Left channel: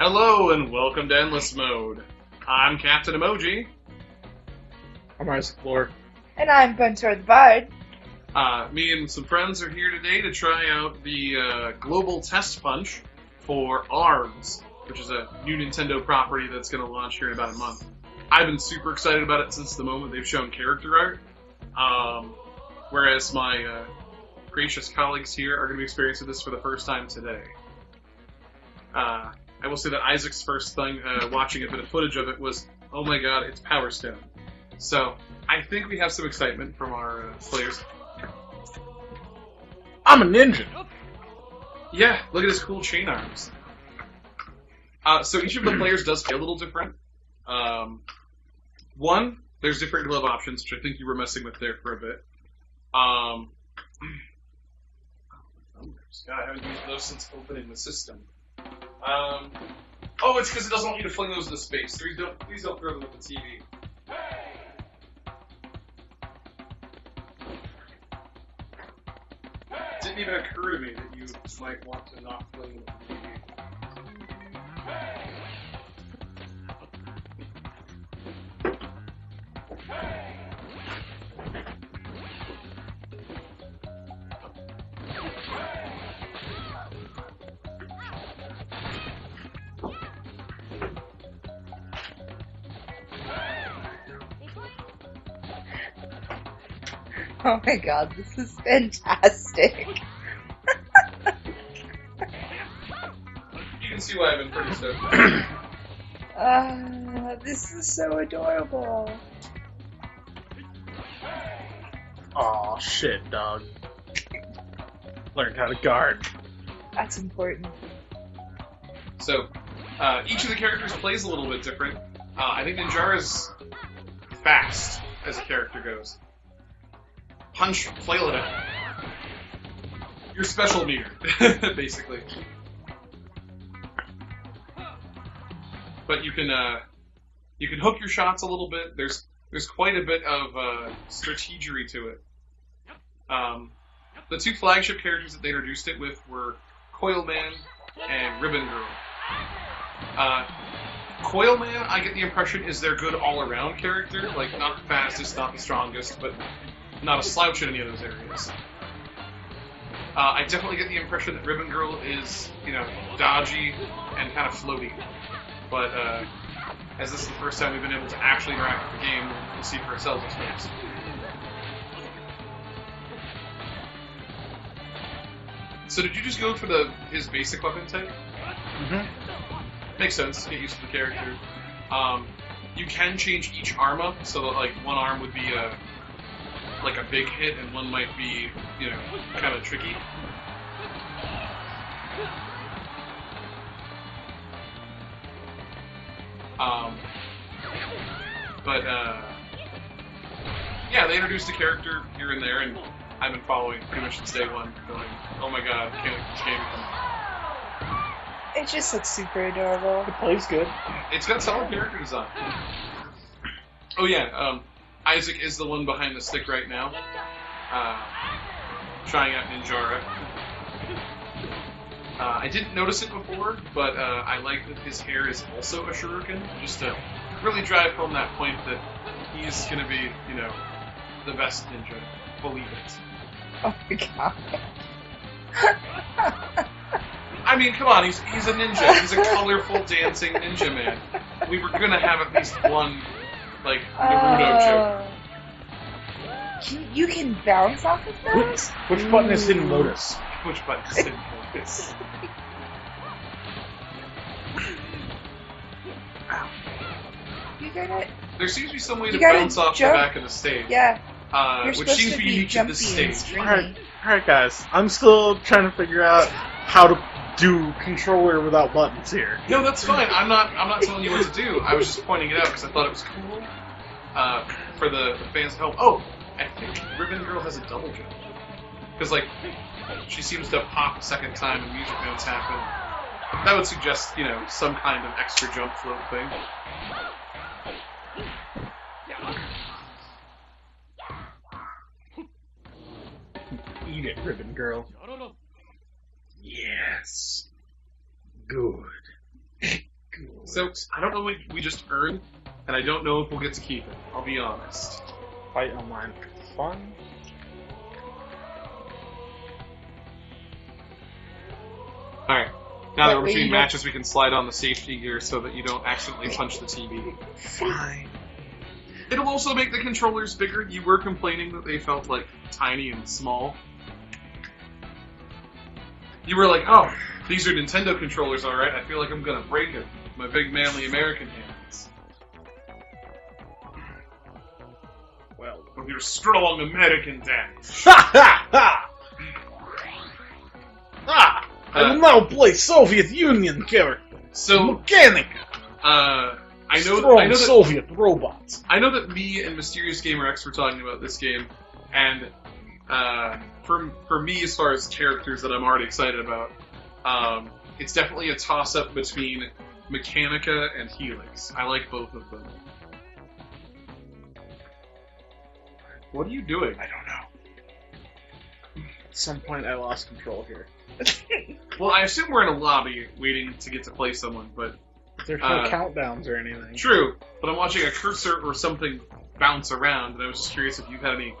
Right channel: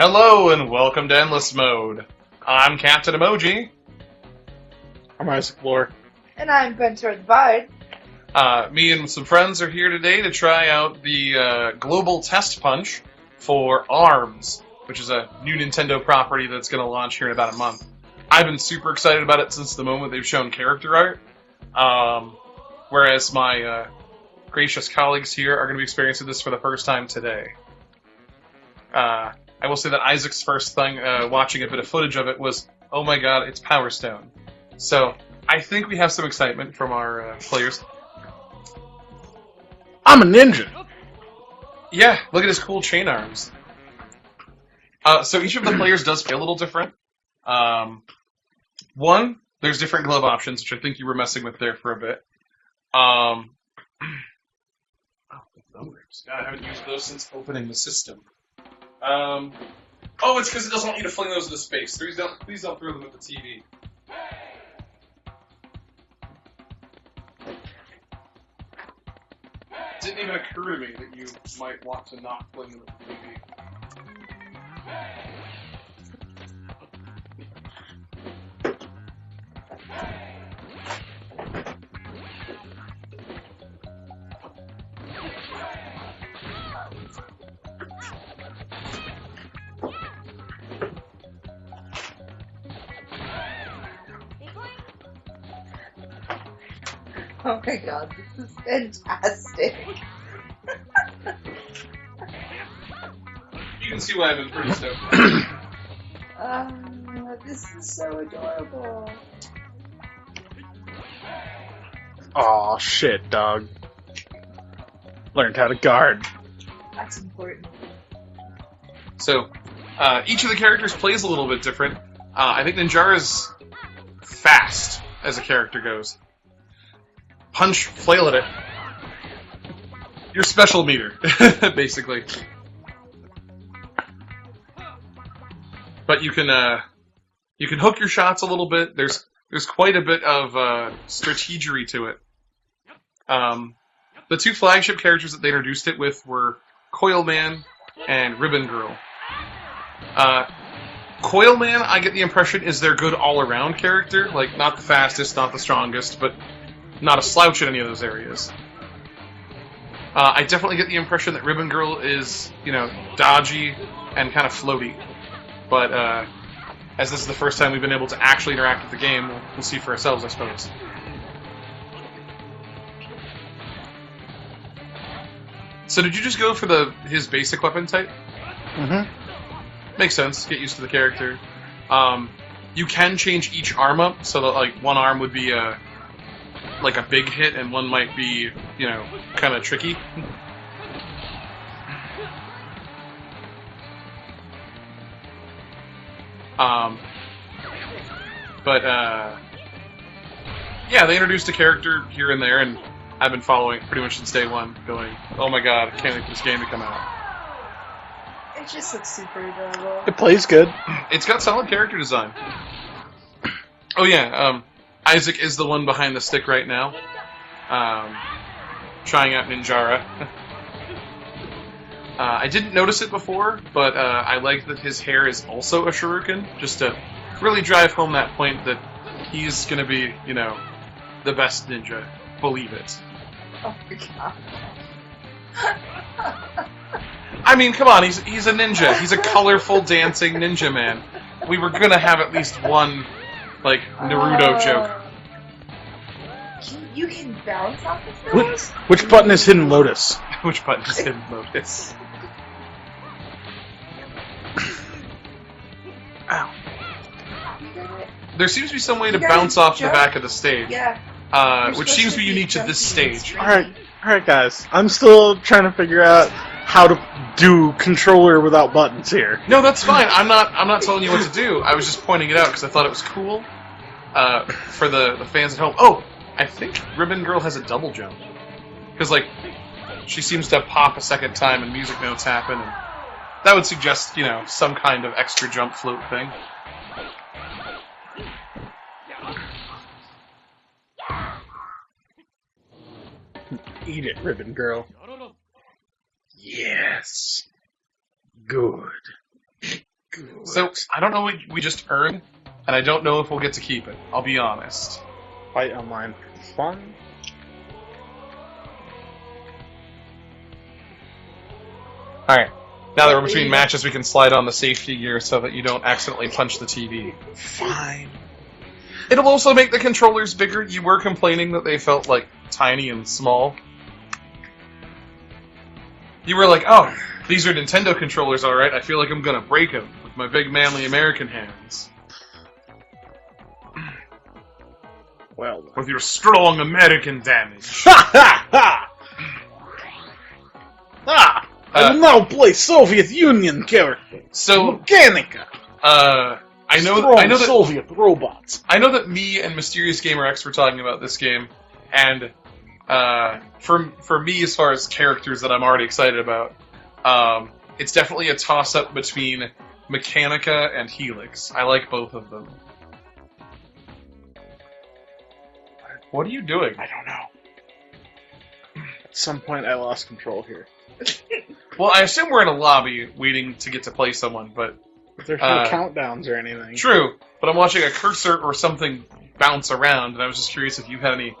Hello and welcome to Endless Mode. I'm CptEmoji. I'm Isaac Lore. And I'm Bunter the Bard. Me and some friends are here today to try out the global TestPunch for ARMS, which is a new Nintendo property that's going to launch here in about a month. I've been super excited about it since the moment they've shown character art, whereas my gracious colleagues here are going to be experiencing this for the first time today. I will say that Isaac's first thing, watching a bit of footage of it, was, oh my god, it's Power Stone. So, I think we have some excitement from our players. I'm a ninja! Yeah, look at his cool chain arms. So each of the players does feel a little different. One, there's different glove options, which I think you were messing with there for a bit. Oh, the numbers. God, I haven't used those since opening the system. Oh, it's because it doesn't want you to fling those into space. Please don't throw them at the TV. It didn't even occur to me that you might want to not fling them at the TV. Oh my god, this is fantastic. You can see why I've been pretty stoked. This is so adorable. Aw, shit, dog. Learned how to guard. That's important. So, each of the characters plays a little bit different. I think Ninjara's fast as a character goes. Punch, flail at it. Your special meter, basically. But you can hook your shots a little bit. There's quite a bit of strategery to it. The two flagship characters that they introduced it with were Coil Man and Ribbon Girl. Coil Man, I get the impression, is their good all-around character. Like, not the fastest, not the strongest, but not a slouch in any of those areas. I definitely get the impression that Ribbon Girl is, dodgy and kind of floaty. But as this is the first time we've been able to actually interact with the game, we'll see for ourselves, I suppose. So did you just go for his basic weapon type? Mm-hmm. Makes sense. Get used to the character. You can change each arm up, so that like one arm would be like a big hit, and one might be, kind of tricky. Yeah, they introduced a character here and there, and I've been following pretty much since day one, going, oh my god, I can't wait for this game to come out. It just looks super adorable. It plays good. It's got solid character design. Oh yeah, Isaac is the one behind the stick right now, trying out Ninjara. I didn't notice it before, but I like that his hair is also a shuriken, just to really drive home that point that he's gonna be, the best ninja. Believe it. Oh my god. I mean, come on, he's a ninja. He's a colorful dancing ninja man. We were gonna have at least one, Naruto joke. You can bounce off of that? Which button is Hidden Lotus? Which button is Hidden Lotus? There seems to be some way to bounce off the back of the stage. Yeah. Which seems to be unique to this stage. Alright guys. I'm still trying to figure out how to do controller without buttons here. No, that's fine. I'm not telling you what to do. I was just pointing it out because I thought it was cool for the fans at home. Oh, I think Ribbon Girl has a double jump. Because, she seems to pop a second time and music notes happen. And that would suggest, some kind of extra jump float thing. Eat it, Ribbon Girl. Yes. Good. So, works. I don't know what we just earned, and I don't know if we'll get to keep it. I'll be honest. Fight online for fun. Alright. Now that we're between matches, we can slide on the safety gear so that you don't accidentally punch the TV. Fine. It'll also make the controllers bigger. You were complaining that they felt, like, tiny and small. You were like, oh, these are Nintendo controllers, alright. I feel like I'm gonna break them with my big manly American hands. Well, With your strong American damage. ha ha ha! Ah! I will now play Soviet Union character. So, Mechanica. I know Strong that Soviet robots. I know that me and Mysterious Gamer X were talking about this game, and for me, as far as characters that I'm already excited about, it's definitely a toss-up between Mechanica and Helix. I like both of them. What are you doing? I don't know. At some point, I lost control here. Well, I assume we're in a lobby waiting to get to play someone, but... There's no countdowns or anything. True, but I'm watching a cursor or something bounce around, and I was just curious if you had any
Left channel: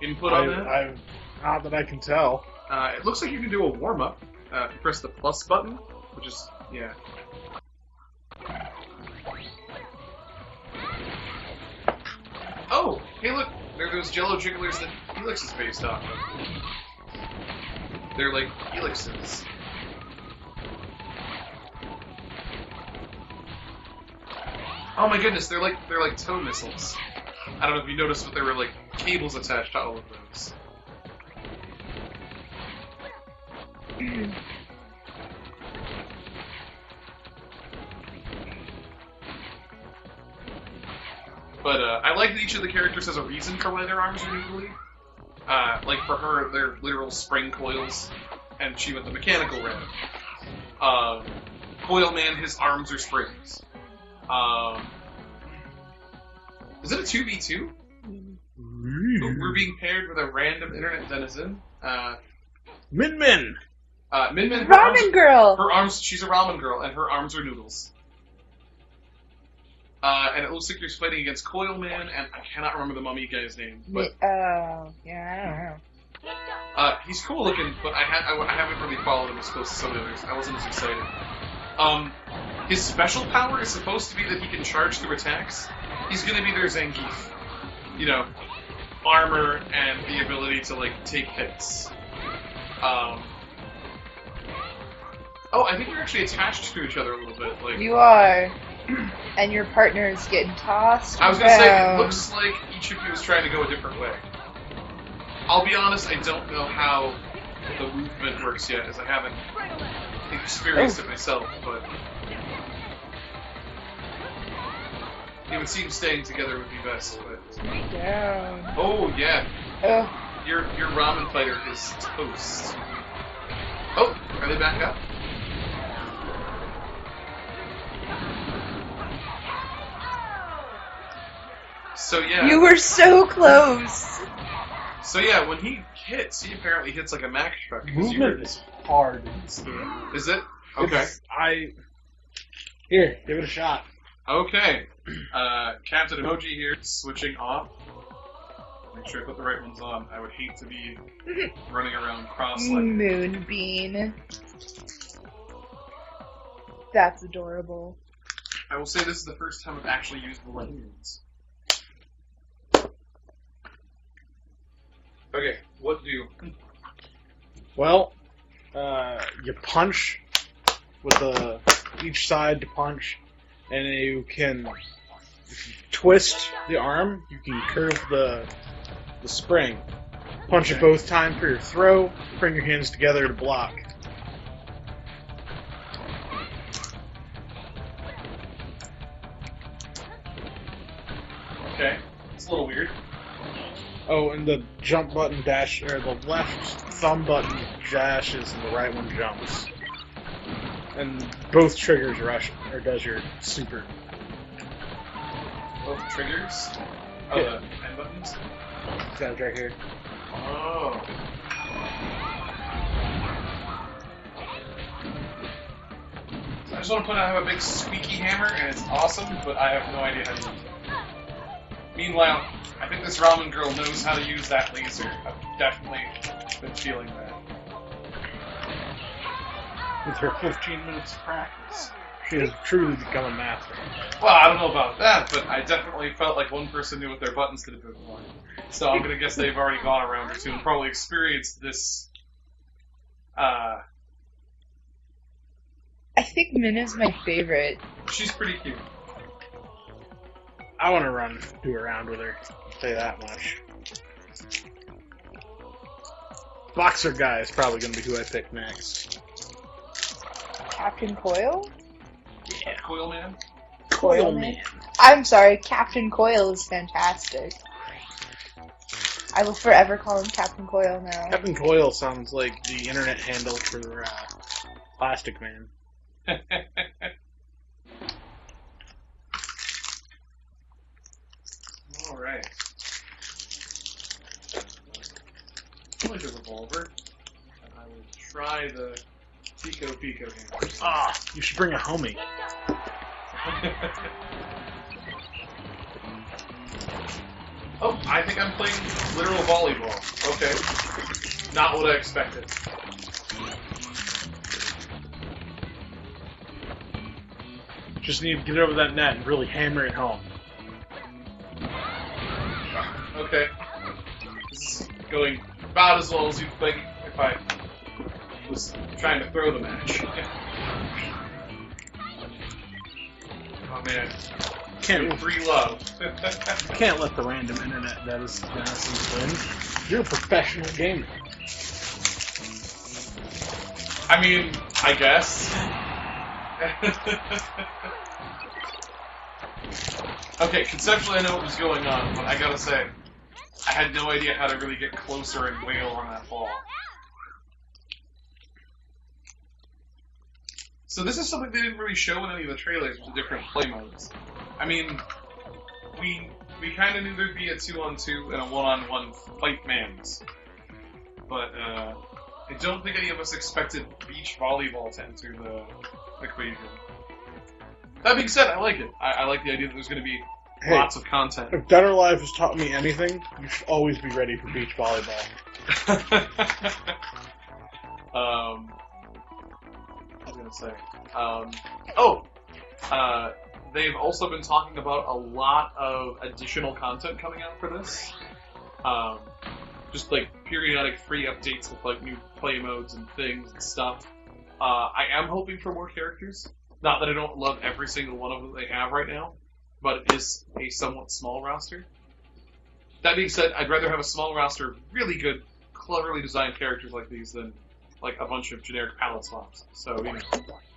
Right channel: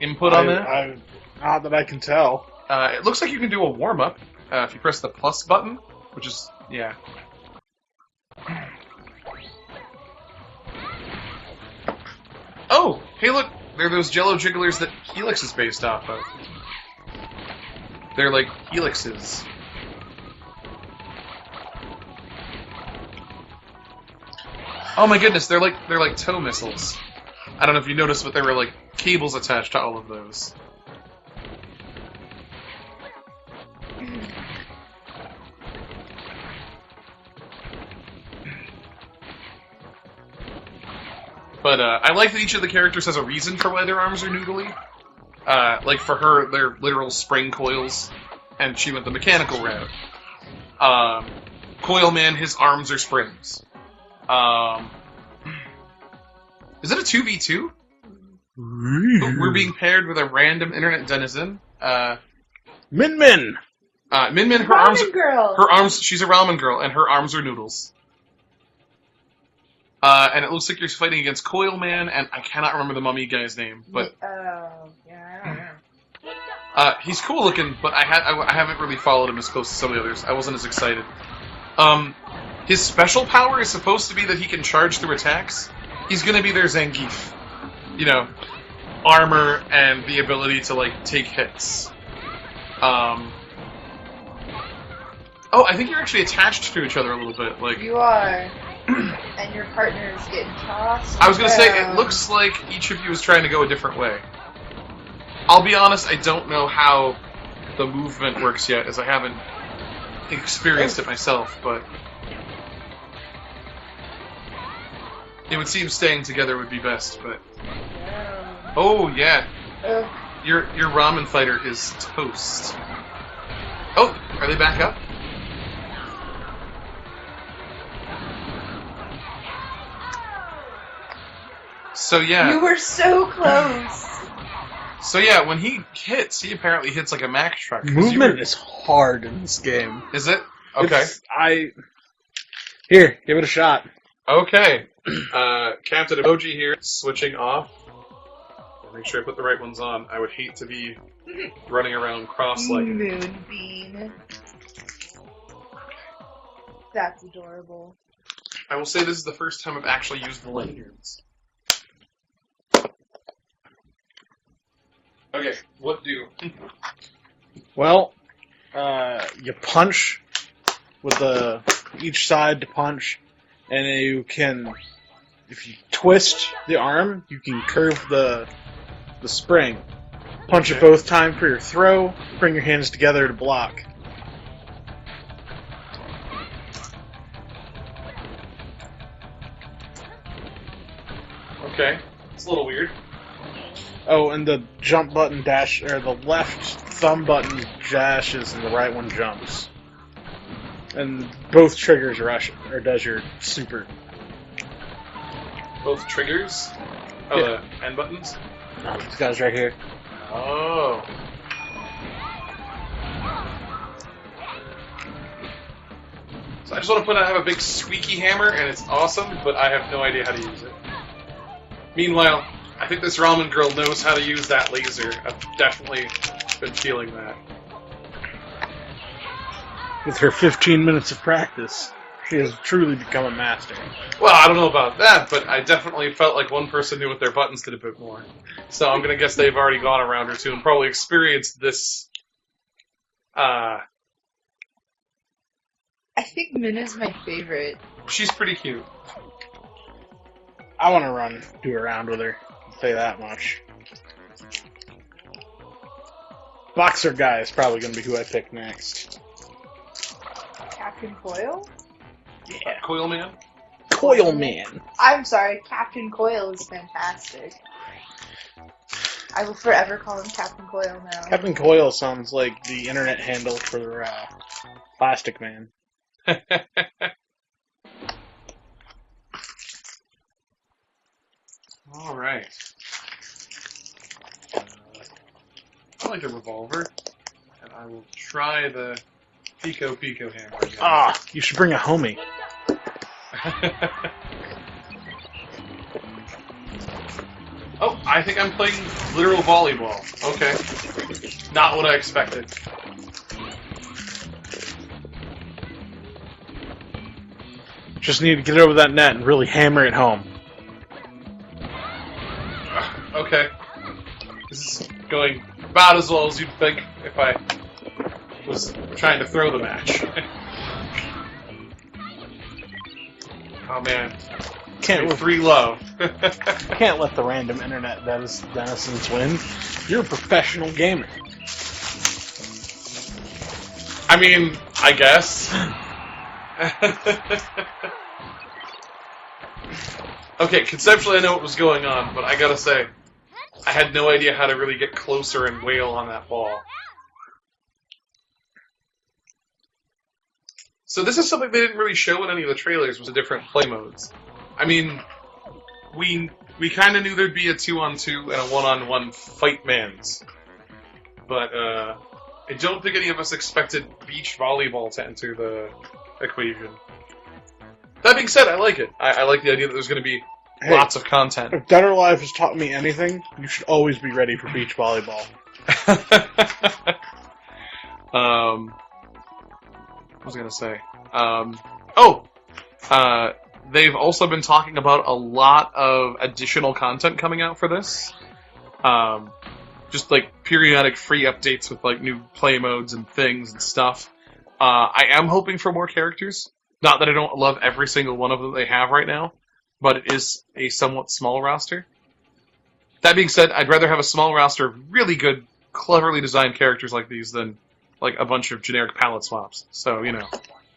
input on that. Not that I can tell. It looks like you can do a warm-up if you press the plus button, which is, yeah. Oh, hey look, they're those Jello jigglers that Helix is based off of. They're like helixes. Oh my goodness, they're like tow missiles. I don't know if you noticed, but there were like cables attached to all of those. But I like that each of the characters has a reason for why their arms are noodly. Like for her, they're literal spring coils, and she went the mechanical route. Coil Man, his arms are springs. Is it a 2v2? We're being paired with a random internet denizen. Min Min! Min Min, Ramen girl! She's a ramen girl, and her arms are noodles. And it looks like you're fighting against Coil Man, and I cannot remember the mummy guy's name, but... yeah. He's cool looking, but I haven't really followed him as close to some of the others. I wasn't as excited. His special power is supposed to be that he can charge through attacks. He's gonna be their Zangief. You know, armor and the ability to, like, take hits. Oh, I think you're actually attached to each other a little bit. Like You are. And your partner's getting tossed. I was gonna say, it around. looks like each of you is trying to go a different way. I'll be honest, I don't know how the movement works yet, as I haven't experienced it myself, but... It would seem staying together would be best, but... Yeah. Oh, yeah. Oh. Your ramen fighter is toast. Oh, are they back up? So yeah. You were so close. So yeah, when he hits, he apparently hits like a Mack truck. 'cause Movement is hard in this game. Is it? Okay. Here, give it a shot. Okay. CptEmoji here, switching off. Make sure I put the right ones on. I would hate to be running around cross-legged. Moonbeam. That's adorable. I will say this is the first time I've actually used the lanyards. Okay, what do? Well, you punch with each side to punch, and you can, if you twist the arm, you can curve the spring. Punch it both times for your throw. Bring your hands together to block. Okay, it's a little weird. Oh, and the jump button dash, or the left thumb button dashes and the right one jumps. And both triggers rush, or does your super. Both triggers? Oh, Yeah. the end buttons? These guys right here. Oh. So I just want to put out I have a big squeaky hammer, and it's awesome, but I have no idea how to use it. Meanwhile, I think this ramen girl knows how to use that laser. I've definitely been feeling that. With her 15 minutes of practice, she has truly become a master. Well, I don't know about that, but I definitely felt like one person knew what their buttons did a bit more. So I'm going to guess they've already gone a round or two and probably experienced this. I think Minna's my favorite. She's pretty cute. I want to do a round with her. I'll say that much. Boxer guy is probably going to be who I pick next. Captain Coil? Yeah. Coil Man? Coil Man. I'm sorry, Captain Coil is fantastic. I will forever call him Captain Coil now. Captain Coil sounds like the internet handle for Plastic Man. Alright. I like a revolver, and I will try the Pico hammer again. Ah, you should bring a homie. Oh, I think I'm playing literal volleyball. Okay. Not what I expected. Just need to get over that net and really hammer it home. Okay. This is going about as well as you'd think if I was trying to throw the match. Oh man. Can't Free love. can't let the random internet denizens win. You're a professional gamer. I mean, I guess. Okay, conceptually I know what was going on, but I gotta say, I had no idea how to really get closer and wail on that ball. So this is something they didn't really show in any of the trailers, was the different play modes. I mean, we kind of knew there'd be a 2-on-2 and a 1-on-1 fight mans, but I don't think any of us expected beach volleyball to enter the equation. That being said, I like it. I like the idea that there's going to be lots of content. If Dead or Alive has taught me anything, you should always be ready for beach volleyball. What was I going to say? They've also been talking about a lot of additional content coming out for this. Just like periodic free updates with like new play modes and things and stuff. I am hoping for more characters. Not that I don't love every single one of them they have right now, but it is a somewhat small roster. That being said, I'd rather have a small roster of really good, cleverly designed characters like these than like a bunch of generic palette swaps. So, you know.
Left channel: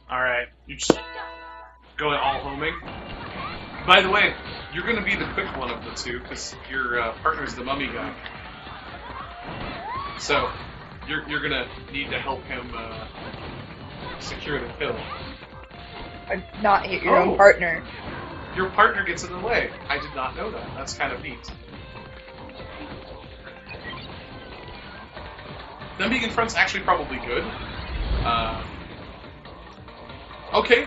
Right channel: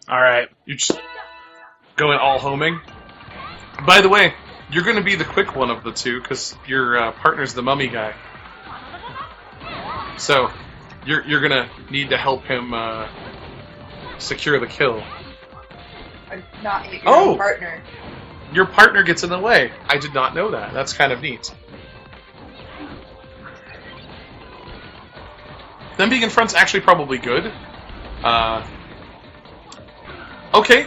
Alright. You're just going all homing. By the way, you're going to be the quick one of the two, because your partner's the mummy guy. So, you're going to need to help him secure the kill. Not hit your own partner. Your partner gets in the way. I did not know that. That's kind of neat. Them being in front's actually probably good. Okay.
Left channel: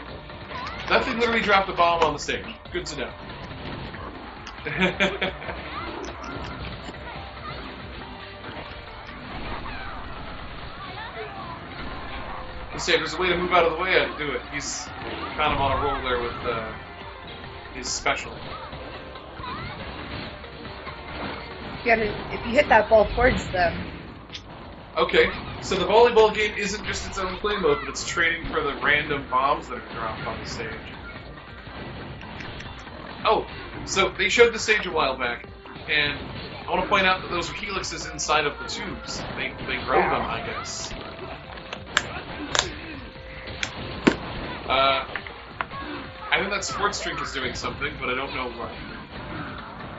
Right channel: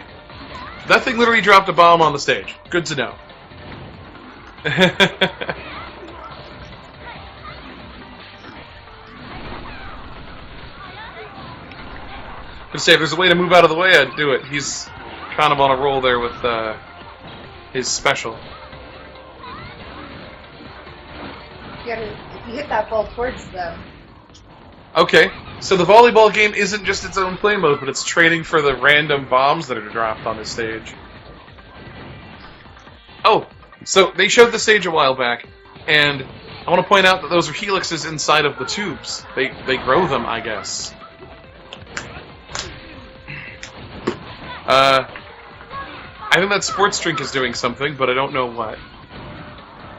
That thing literally dropped a bomb on the stage. Good to know. I'd say if there's a way to move out of the way, I'd do it. He's kind of on a roll there with his special. If you hit that ball towards them. Okay, so the volleyball game isn't just its own play mode, but it's training for the random bombs that are dropped on the stage. Oh, so they showed the stage a while back, and I want to point out that those are helixes inside of the tubes. They grow them, I guess. I think that sports drink is doing something, but I don't know what.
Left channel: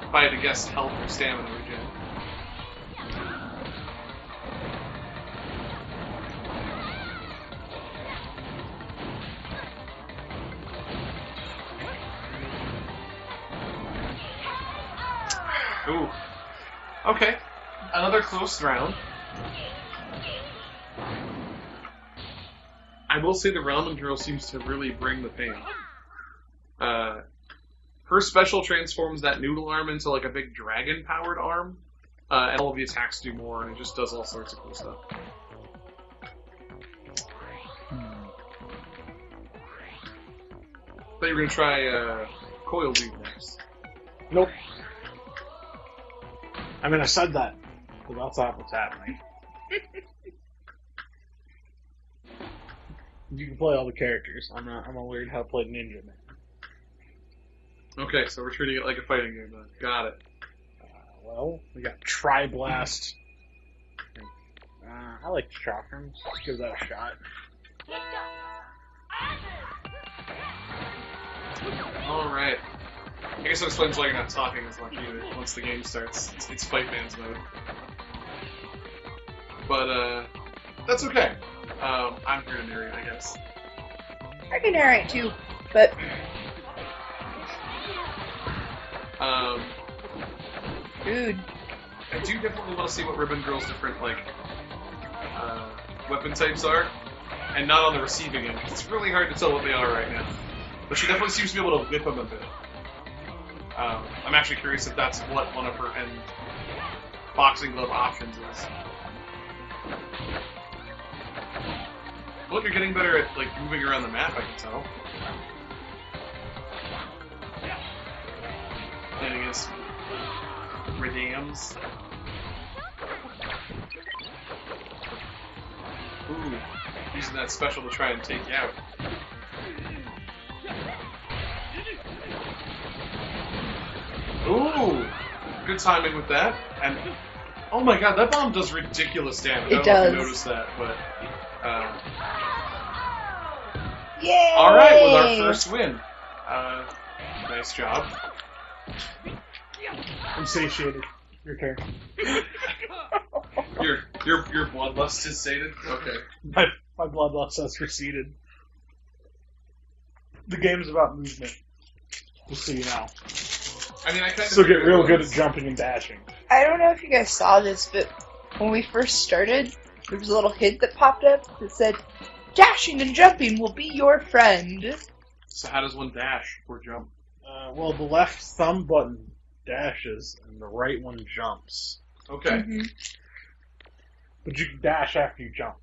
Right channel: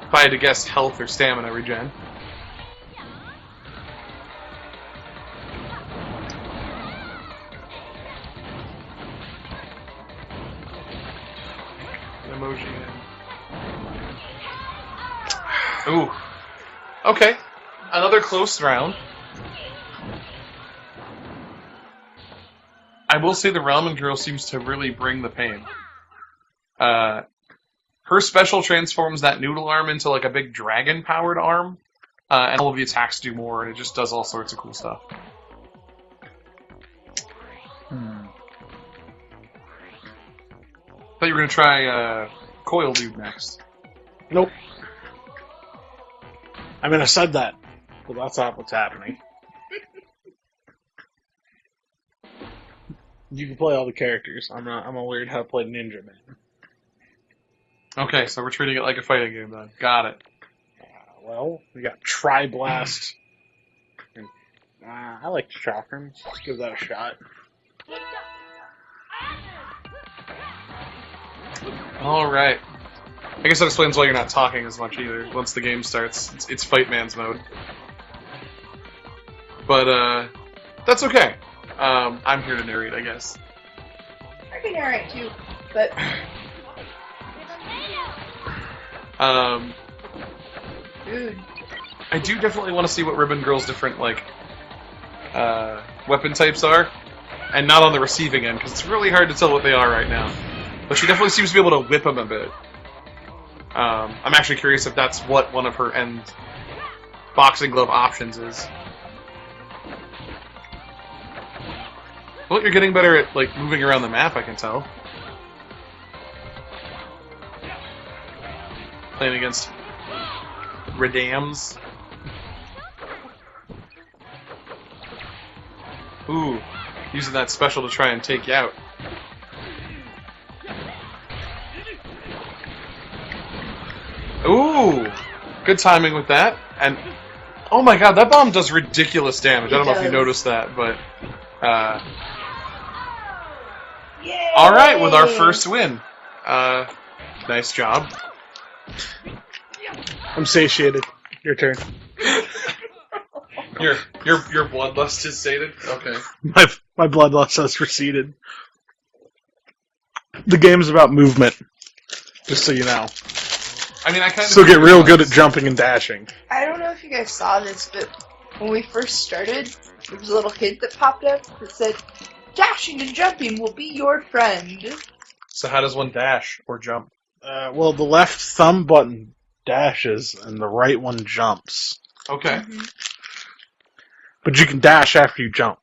If I had to guess, health or stamina regen. Ooh. Okay. Another close round. I will say the ramen girl seems to really bring the pain. Her special transforms that noodle arm into like a big dragon-powered arm, and all of the attacks do more, and it just does all sorts of cool stuff. Thought you were gonna try Coil Dude next. Nope. I mean, I said that, but that's not what's happening. You can play all the characters. I'm gonna learn how to play Ninja Man. Okay, so we're treating it like a fighting game then. Got it. Well, we got Tri-Blast. I like Chakram. Let's give that a shot. Alright. I guess that explains why you're not talking as much either. Once the game starts, it's Fight Man's mode. But, that's okay. I'm here to narrate, I guess. I can narrate too, but dude, I do definitely want to see what Ribbon Girl's different, like, weapon types are, and not on the receiving end, because it's really hard to tell what they are right now. But she definitely seems to be able to whip them a bit. I'm actually curious if that's what one of her end boxing glove options is. Well, you're getting better at, like, moving around the map, I can tell. Playing against Redams. Ooh, using that special to try and take you out. Ooh, good timing with that. And, oh my god, that bomb does ridiculous damage. I don't know if you noticed that, but... yay! Alright, with our first win. Nice job. I'm satiated. Your turn. Your bloodlust is sated? Okay. My bloodlust has receded. The game's about movement. Just so you know. I mean, I kind of So get real good at jumping and dashing. I don't know if you guys saw this, but when we first started, there was a little hint that popped up that said, "Dashing and jumping will be your friend." So how does one dash or jump? Well, the left thumb button dashes, and the right one jumps. Okay. Mm-hmm. But you can dash after you jump.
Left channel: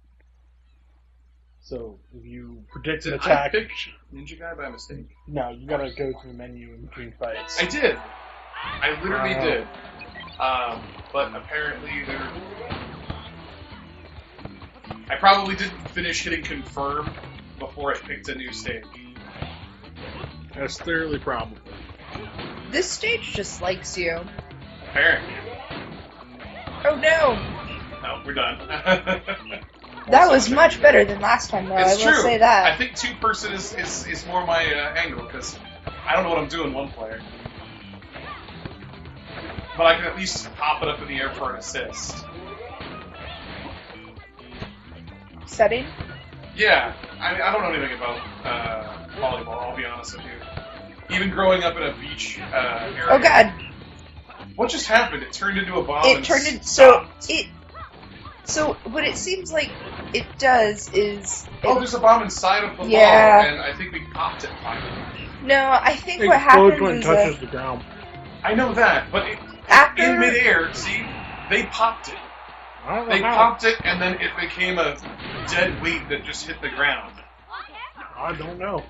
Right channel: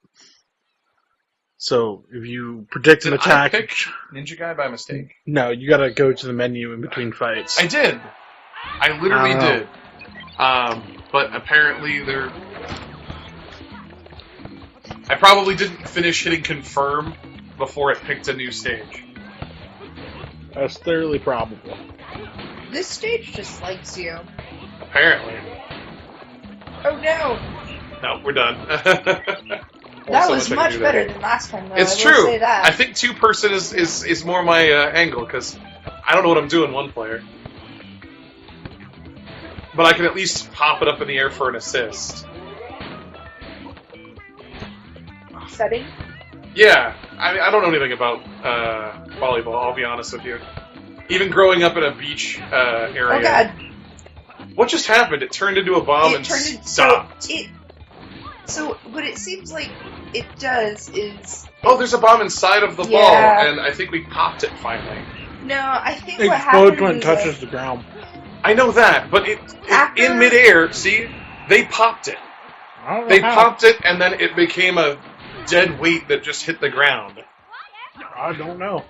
So if you predict an Did attack... I pick Ninja Guy by mistake? No, you gotta go to the menu in between fights. I did! I literally I don't did. But apparently there... I probably didn't finish hitting confirm before it picked a new stage. That's thoroughly probable. This stage just likes you. Apparently. Oh no! No, we're done. That was much better than last time, though. It's I will true. say that. I think two-person is more my angle, because I don't know what I'm doing one player. But I can at least pop it up in the air for an assist. Setting? Yeah, I mean, I don't know anything about volleyball, I'll be honest with you. Even growing up in a beach area. Oh god. What just happened? It turned into a bomb and stopped. stopped. So what it seems like it does is... Oh, there's a bomb inside of the ball, Yeah. and I think we popped it finally. No, I think It what explodes happens when it is touches like, the ground. I know that, but After- in midair, see, they popped it. I don't know They how. popped it, and then it became a dead weight that just hit the ground. I don't know.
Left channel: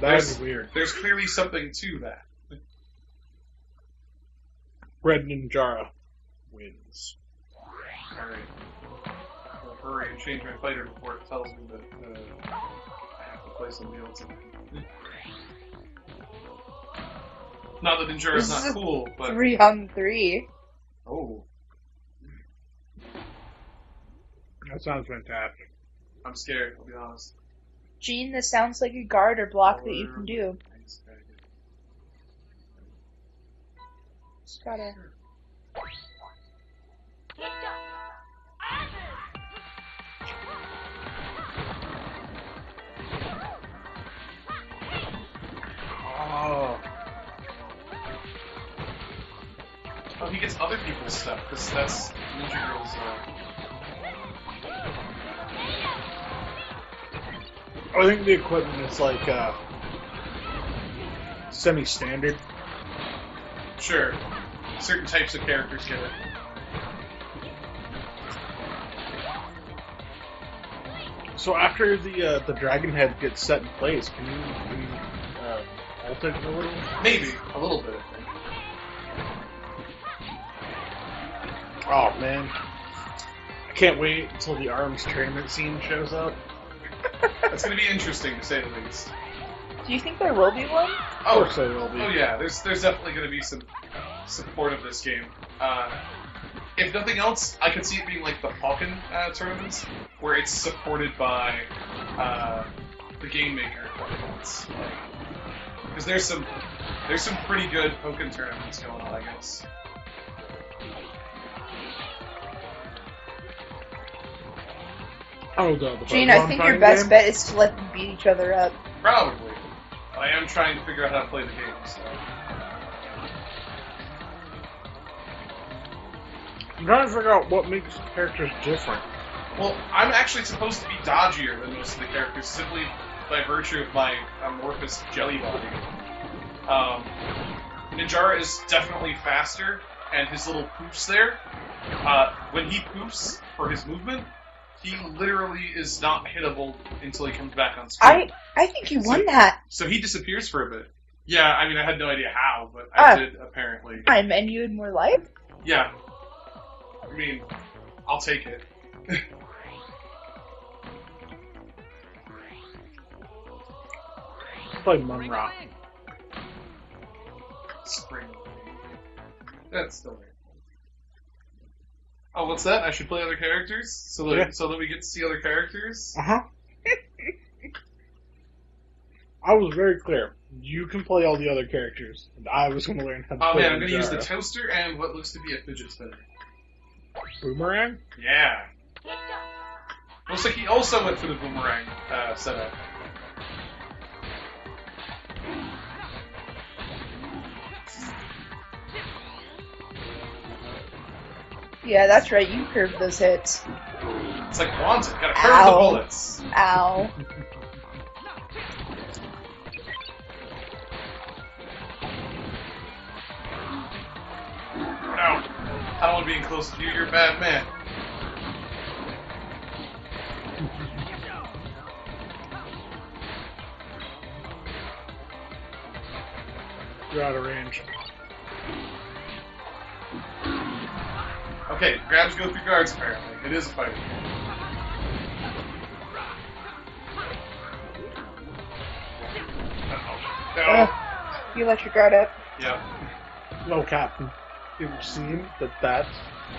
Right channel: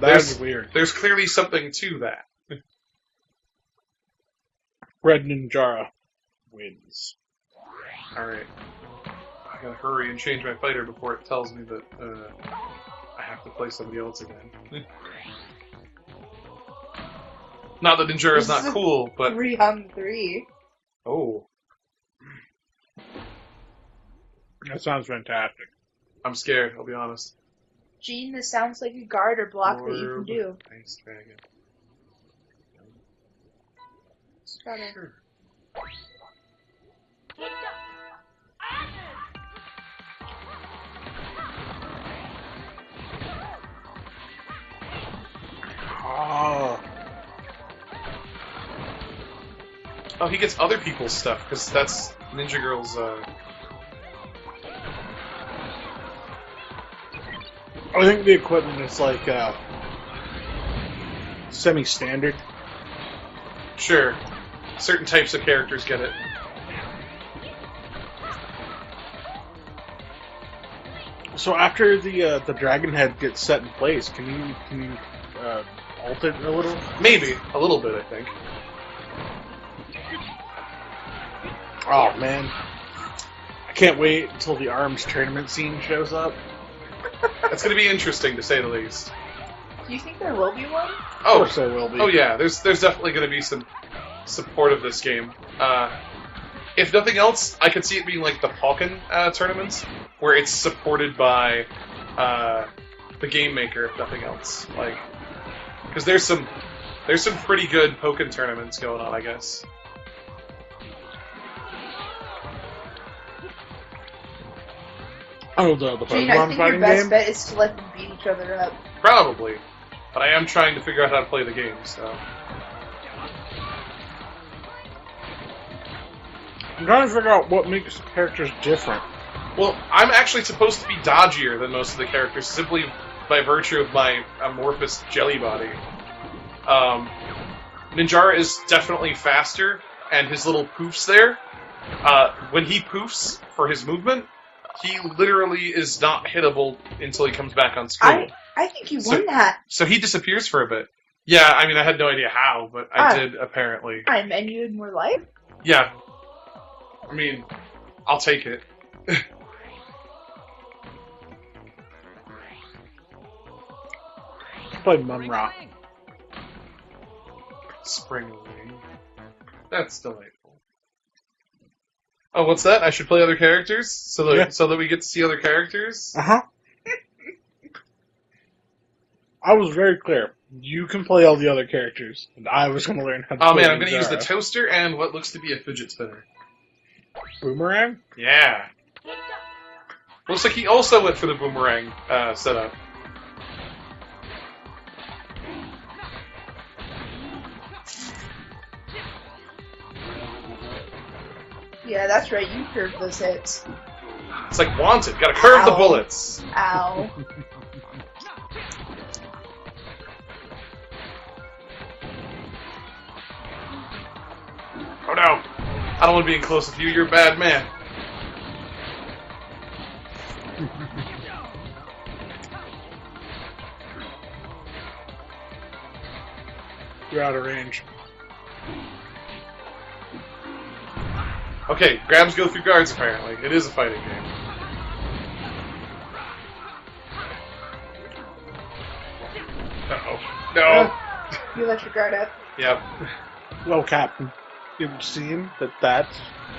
There's- That's weird. There's clearly something to that. Red Ninjara wins. Alright. I gotta hurry and change my fighter before it tells me that I have to play somebody else again. Not that Ninjara's This not is cool, but... 3-on-3. Oh, That sounds fantastic. I'm scared, I'll be honest. Gene, this sounds like a guard or block that you can do. Ice Dragon. Just gotta... Oh. Oh, he gets other people's stuff, because that's Ninja Girl's, I think the equipment is like semi-standard. Sure. Certain types of characters get it. So after the dragon head gets set in place, can you alt it a little? Maybe. A little bit, I think. Oh man, I can't wait until the ARMS tournament scene shows up. That's going to be interesting, to say the least. Do you think there will be one? Of course there will be. Oh yeah, there's definitely going to be some support of this game. If nothing else, I could see it being like the Falcon tournaments, where it's supported by the game maker, if nothing else. Like, because there's some pretty good Pokken tournaments going on, I guess. Oh, the Gene, I Pokemon think your fighting best game? bet is to let them beat each other up. Probably, but I am trying to figure out how to play the game. So I'm trying to figure out what makes characters different. well, I'm actually supposed to be dodgier than most of the characters, simply by virtue of my amorphous jelly body. Ninjara is definitely faster, and his little poofs there, when he poofs for his movement, he literally is not hittable until he comes back on screen. I think you won that. So he disappears for a bit. Yeah, I mean, I had no idea how, but I did, apparently. Time, and you had more life? Yeah. I mean, I'll take it. Play Munra. Spring Rain. That's delightful. Oh, what's that? I should play other characters? So that we get to see other characters? Uh-huh. I was very clear. You can play all the other characters, and I was going to learn how to play Oh man, I'm going to use the Ninjara. toaster and what looks to be a fidget spinner. Boomerang? Yeah. Looks like he also went for the boomerang setup. Yeah, that's right, you curved those hits. It's like Wanted. Gotta curve the Ow. bullets. Ow. Oh no. I don't want to be in close with you. You're a bad man. You're out of range. Okay, grabs go through guards, apparently. It is a fighting game. Uh-oh. No! You let your guard up. Yep. Well, Captain, it would seem that that's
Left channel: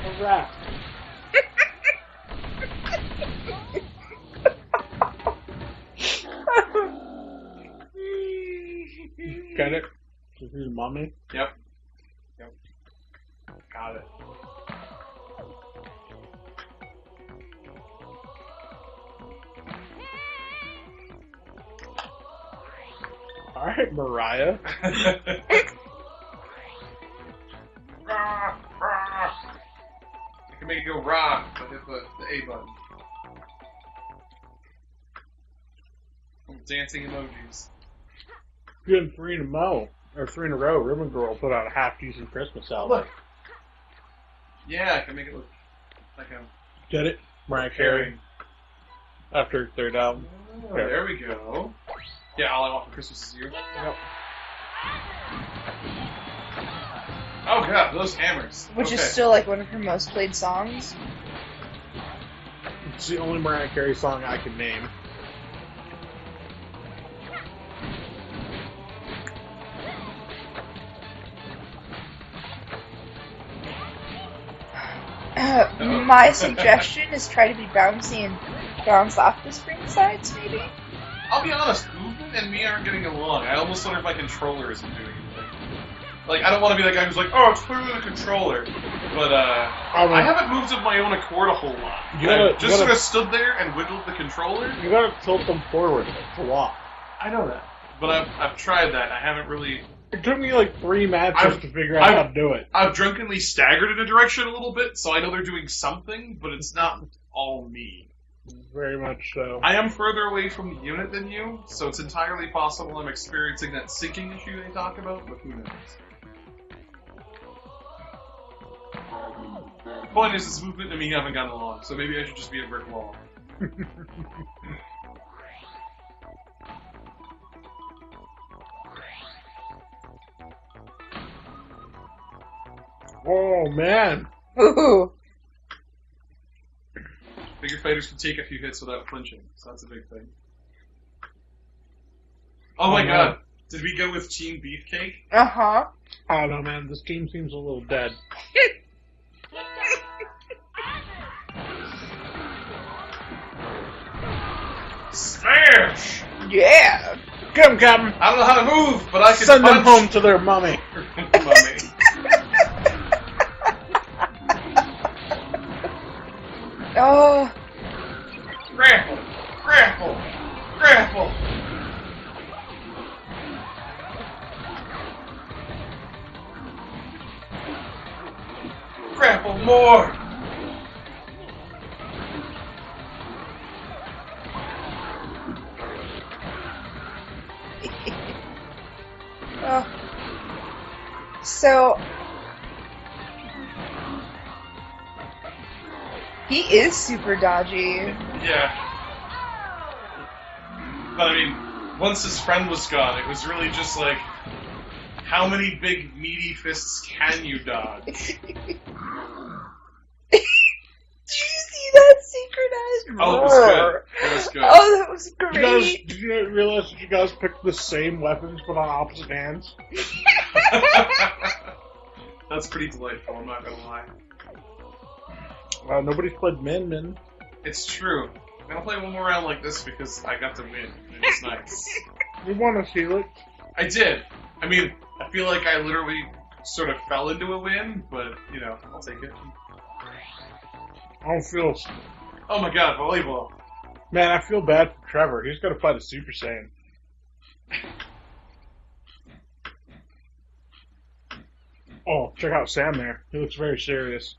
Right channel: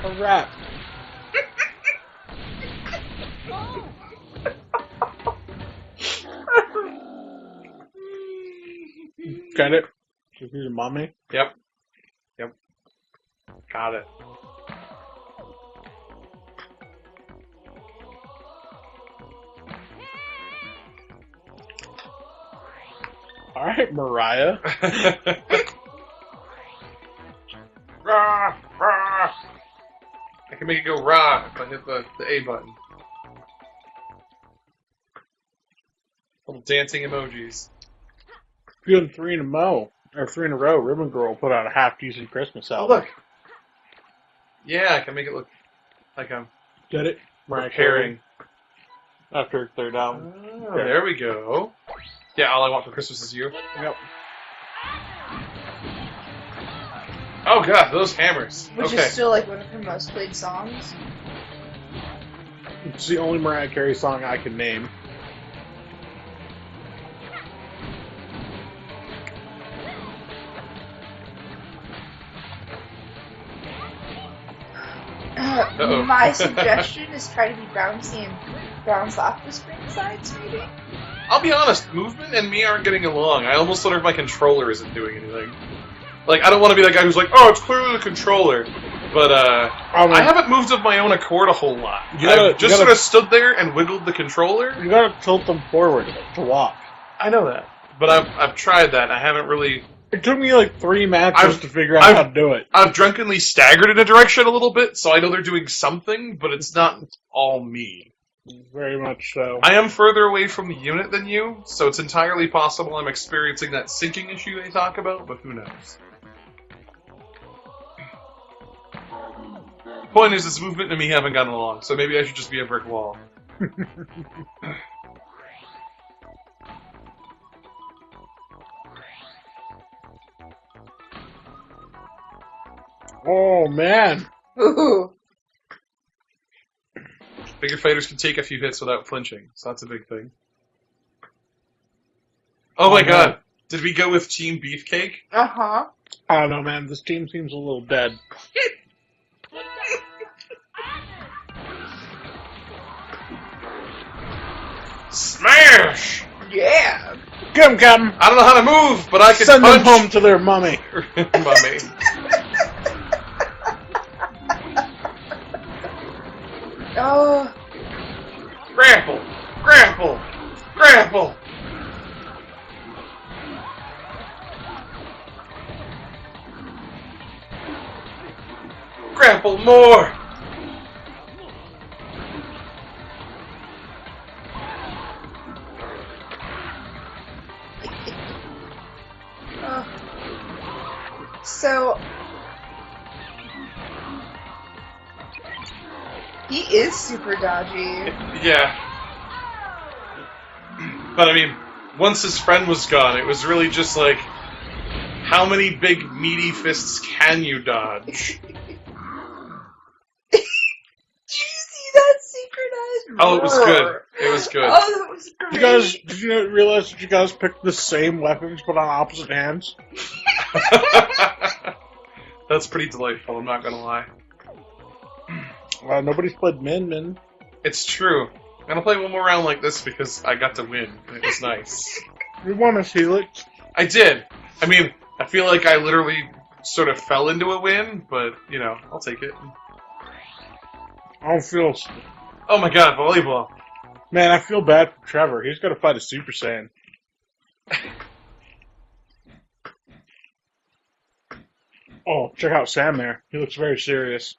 a wrap. Got it? She's a mommy? Yep. Yep. Got it. Alright, Mariah. Rah, rah. I can make it go rah if I hit the A button. Little dancing emojis. Feeling three in a row, Ribbon Girl put out a half-decent Christmas Oh, album. look. Yeah, I can make it look like I'm Get it? Mariah Carey. preparing. After her third album. Oh, there we go. Yeah, all I want for Christmas is you. Yep. Oh god, those hammers. Which okay. is still like one of her most played songs. It's the only Mariah Carey song I can name. Uh-oh. My suggestion is try to be bouncy and bounce off the spring sides, maybe? I'll be honest, movement and me aren't getting along. I almost wonder if my controller isn't doing anything. Like, I don't want to be that guy who's like, oh, it's clearly the controller. But, I haven't moved of my own accord a whole lot. I've just sort of stood there and wiggled the controller. You gotta tilt them forward to walk. I know that. But I've tried that. I haven't really... It took me like 3 matches to figure out how to do it. I've drunkenly staggered in a direction a little bit, so I know they're doing something, but it's not all me. Very much so. I am further away from the unit than you, so it's entirely possible I'm experiencing that sinking issue they talk about, but who knows. Point is, this movement and me haven't gotten along, so maybe I should just be a brick wall. Oh, man. Ooh. Bigger fighters can take a few hits without flinching, so that's a big thing. Oh my god, did we go with Team Beefcake? Uh-huh. I don't know, man. This team seems a little dead. Smash! Yeah. Get him, Captain! I don't know how to move, but I can Send punch. them home to their mummy. Mummy. Oh. Grapple! Grapple! Grapple! Grapple more! So he is super dodgy. Yeah. But I mean, once his friend was gone, it was really just like, how many big meaty fists can you dodge? Did you see that synchronized Oh, it was roar? good. It was good. Oh, that was great. Did you realize that you guys picked the same weapons but on opposite hands? That's pretty delightful, I'm not gonna lie. Nobody's played Min. It's true. I'm gonna play one more round like this because I got to win. It was nice. You won us, Felix. I did. I mean, I feel like I literally sort of fell into a win, but, you know, I'll take it. I don't feel... Oh my god, volleyball. Man, I feel bad for Trevor. He's got to fight a Super Saiyan. Oh, check out Sam there. He looks very serious.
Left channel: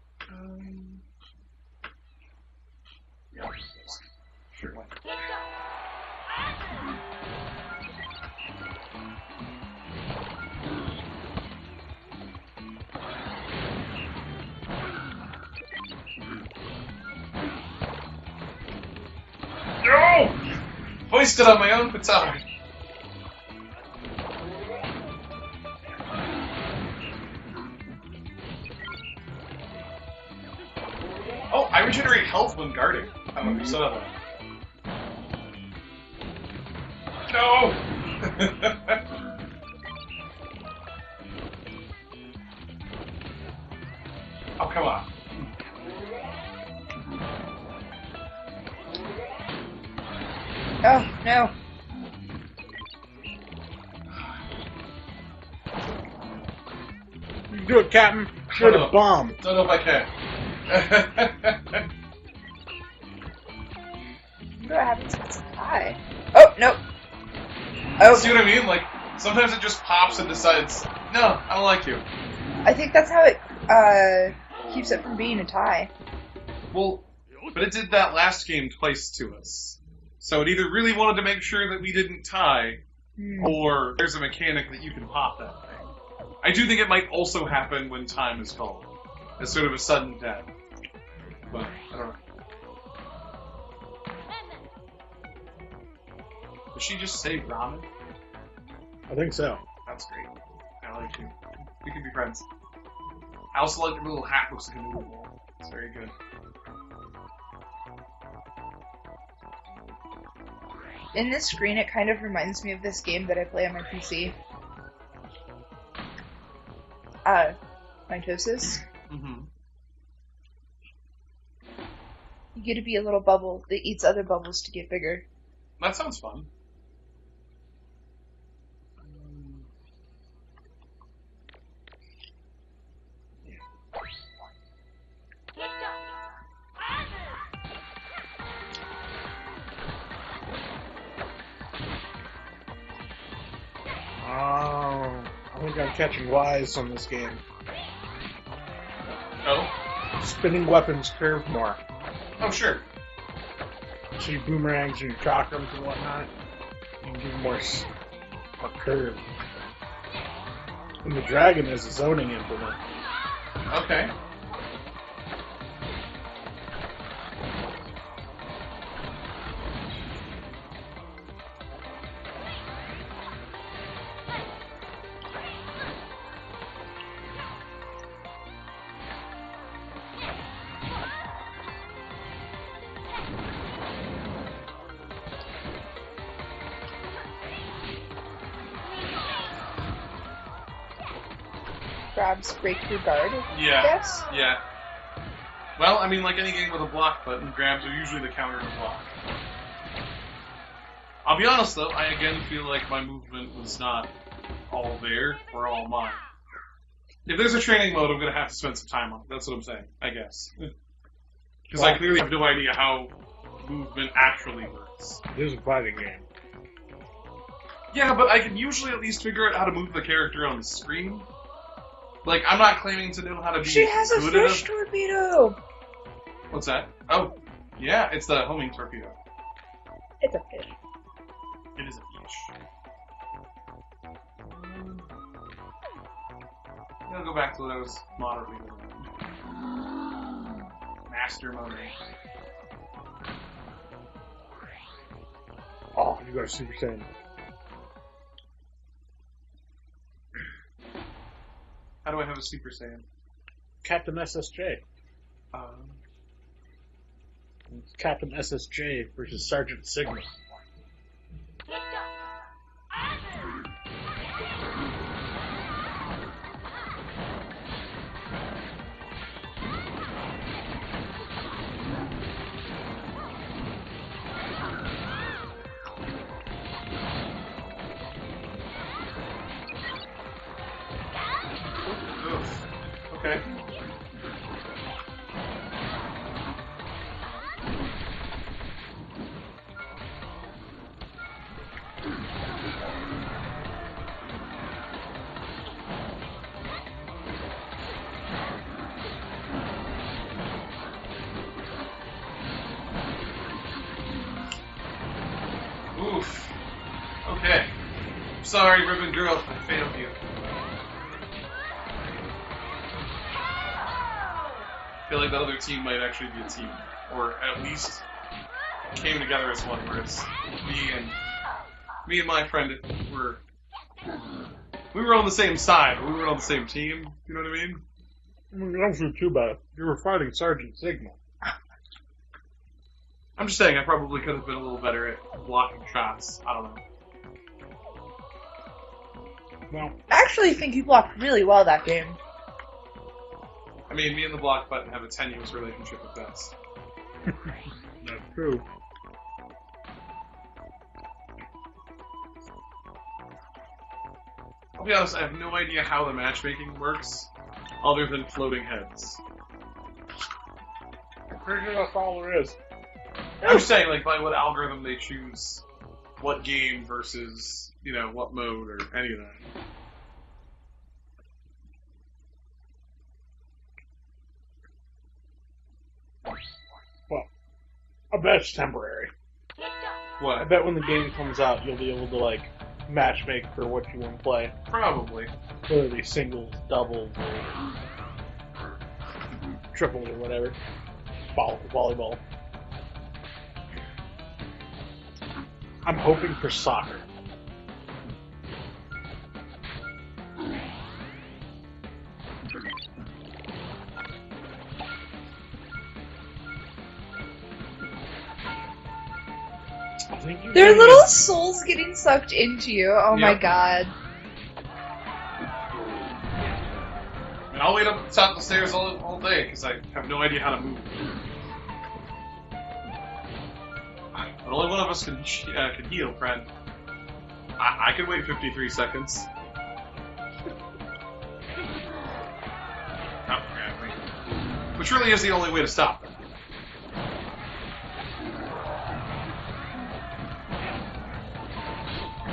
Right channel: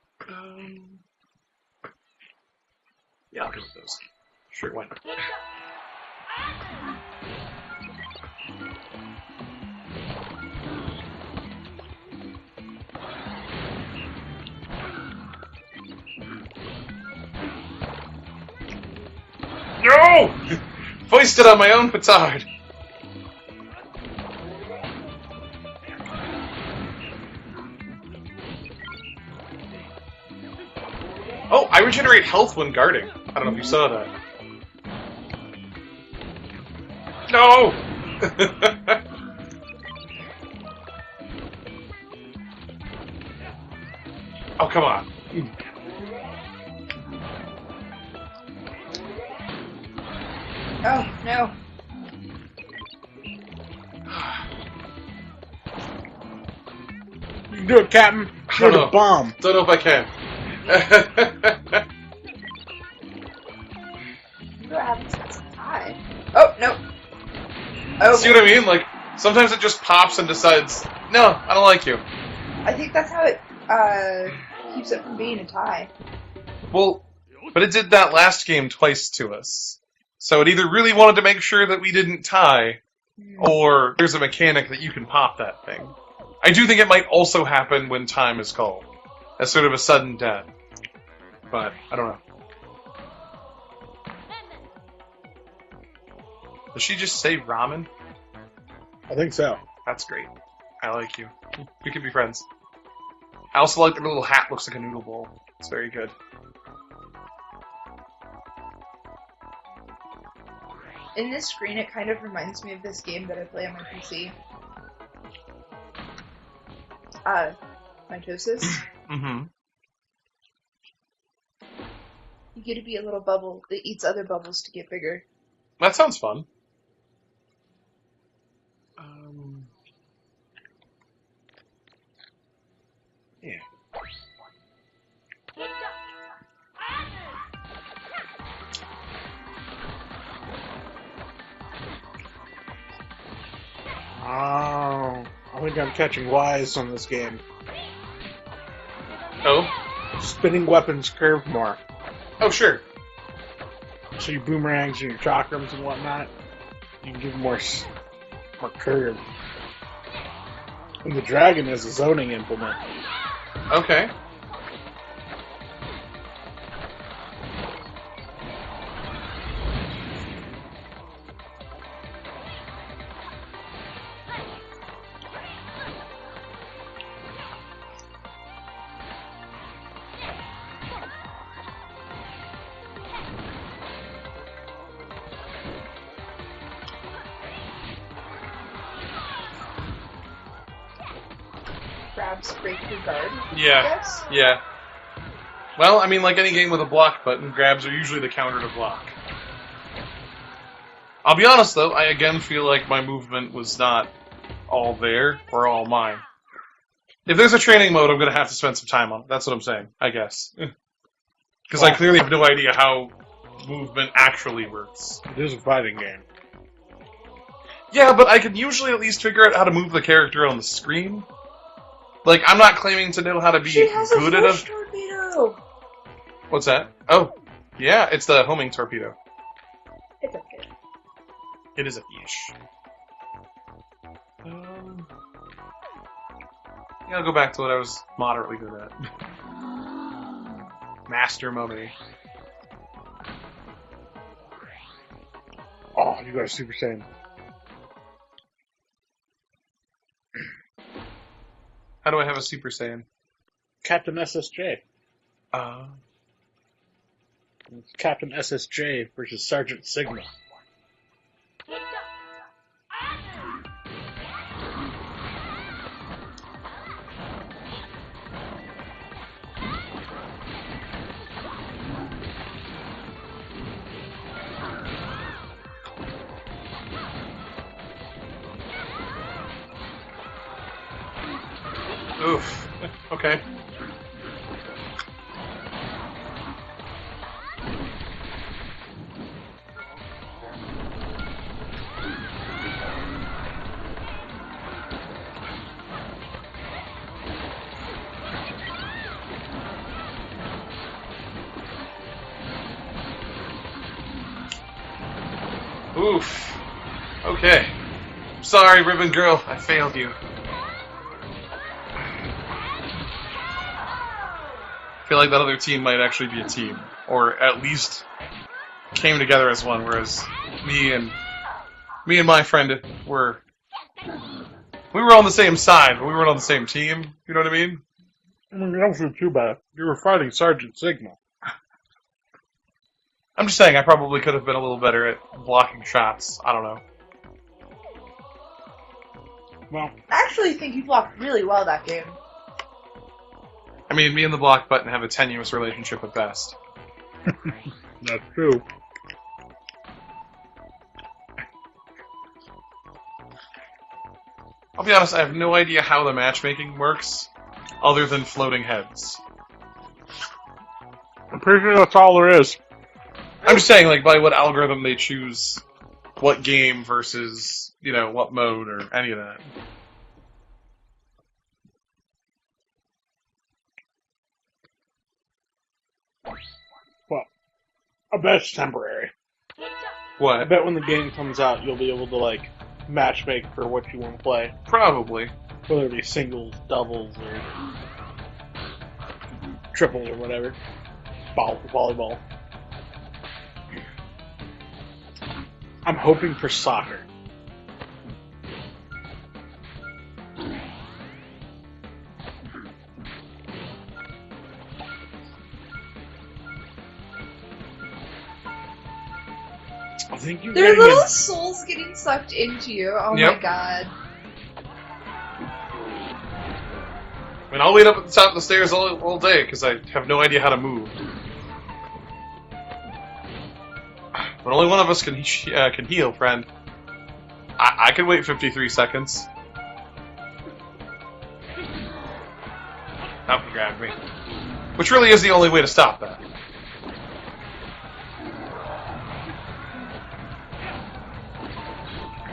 Yeah, I'll go with those. Sure, why not? No! Foisted on my own petard. Oh, I regenerate health when guarding. I don't know if you saw that. No! Oh, come on. Oh, no. You can do it, Captain. Shoot a bomb. Don't know if I can. What happens if it's a tie? Oh, no. Oh, See what I mean? Like, sometimes it just pops and decides, no, I don't like you. I think that's how it keeps it from being a tie. Well, but it did that last game twice to us. So it either really wanted to make sure that we didn't tie, or there's a mechanic that you can pop that thing. I do think it might also happen when time is called, as sort of a sudden death. But, I don't know. Did she just say ramen? I think so. That's great. I like you. We can be friends. I also like the little hat looks like a noodle bowl. It's very good. In this screen, it kind of reminds me of this game that I play on my PC. Mitosis. Mm-hmm. You get to be a little bubble that eats other bubbles to get bigger. That sounds fun. Yeah. Oh, I think I'm catching wise on this game. Oh? Spinning weapons curve more. Oh, sure. So your boomerangs and your chakrams and whatnot, you can give them more curve. And the dragon is a zoning implement. Okay. Grabs break your guard. Yeah. Yes. Yeah. Well, I mean, like any game with a block button, grabs are usually the counter to block. I'll be honest, though, I again feel like my movement was not all there, or all mine. If there's a training mode, I'm going to have to spend some time on it. That's what I'm saying, I guess. Because I clearly have no idea how movement actually works. It is a fighting game. Yeah, but I can usually at least figure out how to move the character on the screen. Like, I'm not claiming to know how to be She has a good at flash it. torpedo. What's that? Oh, yeah, it's the homing torpedo. It's okay. It is a fish. Yeah, I'll go back to what I was moderately good at. Master Mummy. Oh, you got a Super Saiyan. How do I have a Super Saiyan? Captain SSJ. Uh, It's Captain SSJ versus Sergeant Sigma. oof. Okay. Oof. Okay. Sorry, Ribbon Girl. I failed you. I feel like that other team might actually be a team. Or at least came together as one, whereas me and my friend were... We were on the same side, but we weren't on the same team. You know what I mean? I mean, that wasn't too bad. You were fighting Sergeant Sigma. I'm just saying, I probably could have been a little better at blocking shots. I don't know. Well, I actually think you blocked really well that game. I mean, me and the block button have a tenuous relationship at best. that's true. I'll be honest, I have no idea how the matchmaking works, other than floating heads. I'm pretty sure that's all there is. I'm just saying, like, by what algorithm they choose what game versus, you know, what mode or any of that. Well, I bet it's temporary. I What? bet when the game comes out, you'll be able to, like, matchmake for what you want to play. Probably. Whether it be singles, doubles, or triples, or whatever. Volleyball. I'm hoping for soccer. I think you're There are getting little a- souls getting sucked into you. Oh Yep. my god. I mean, I'll wait up at the top of the stairs all day, because I have no idea how to move. But only one of us can heal, friend. I can wait 53 seconds. Nope, grab me. Which really is the only way to stop that.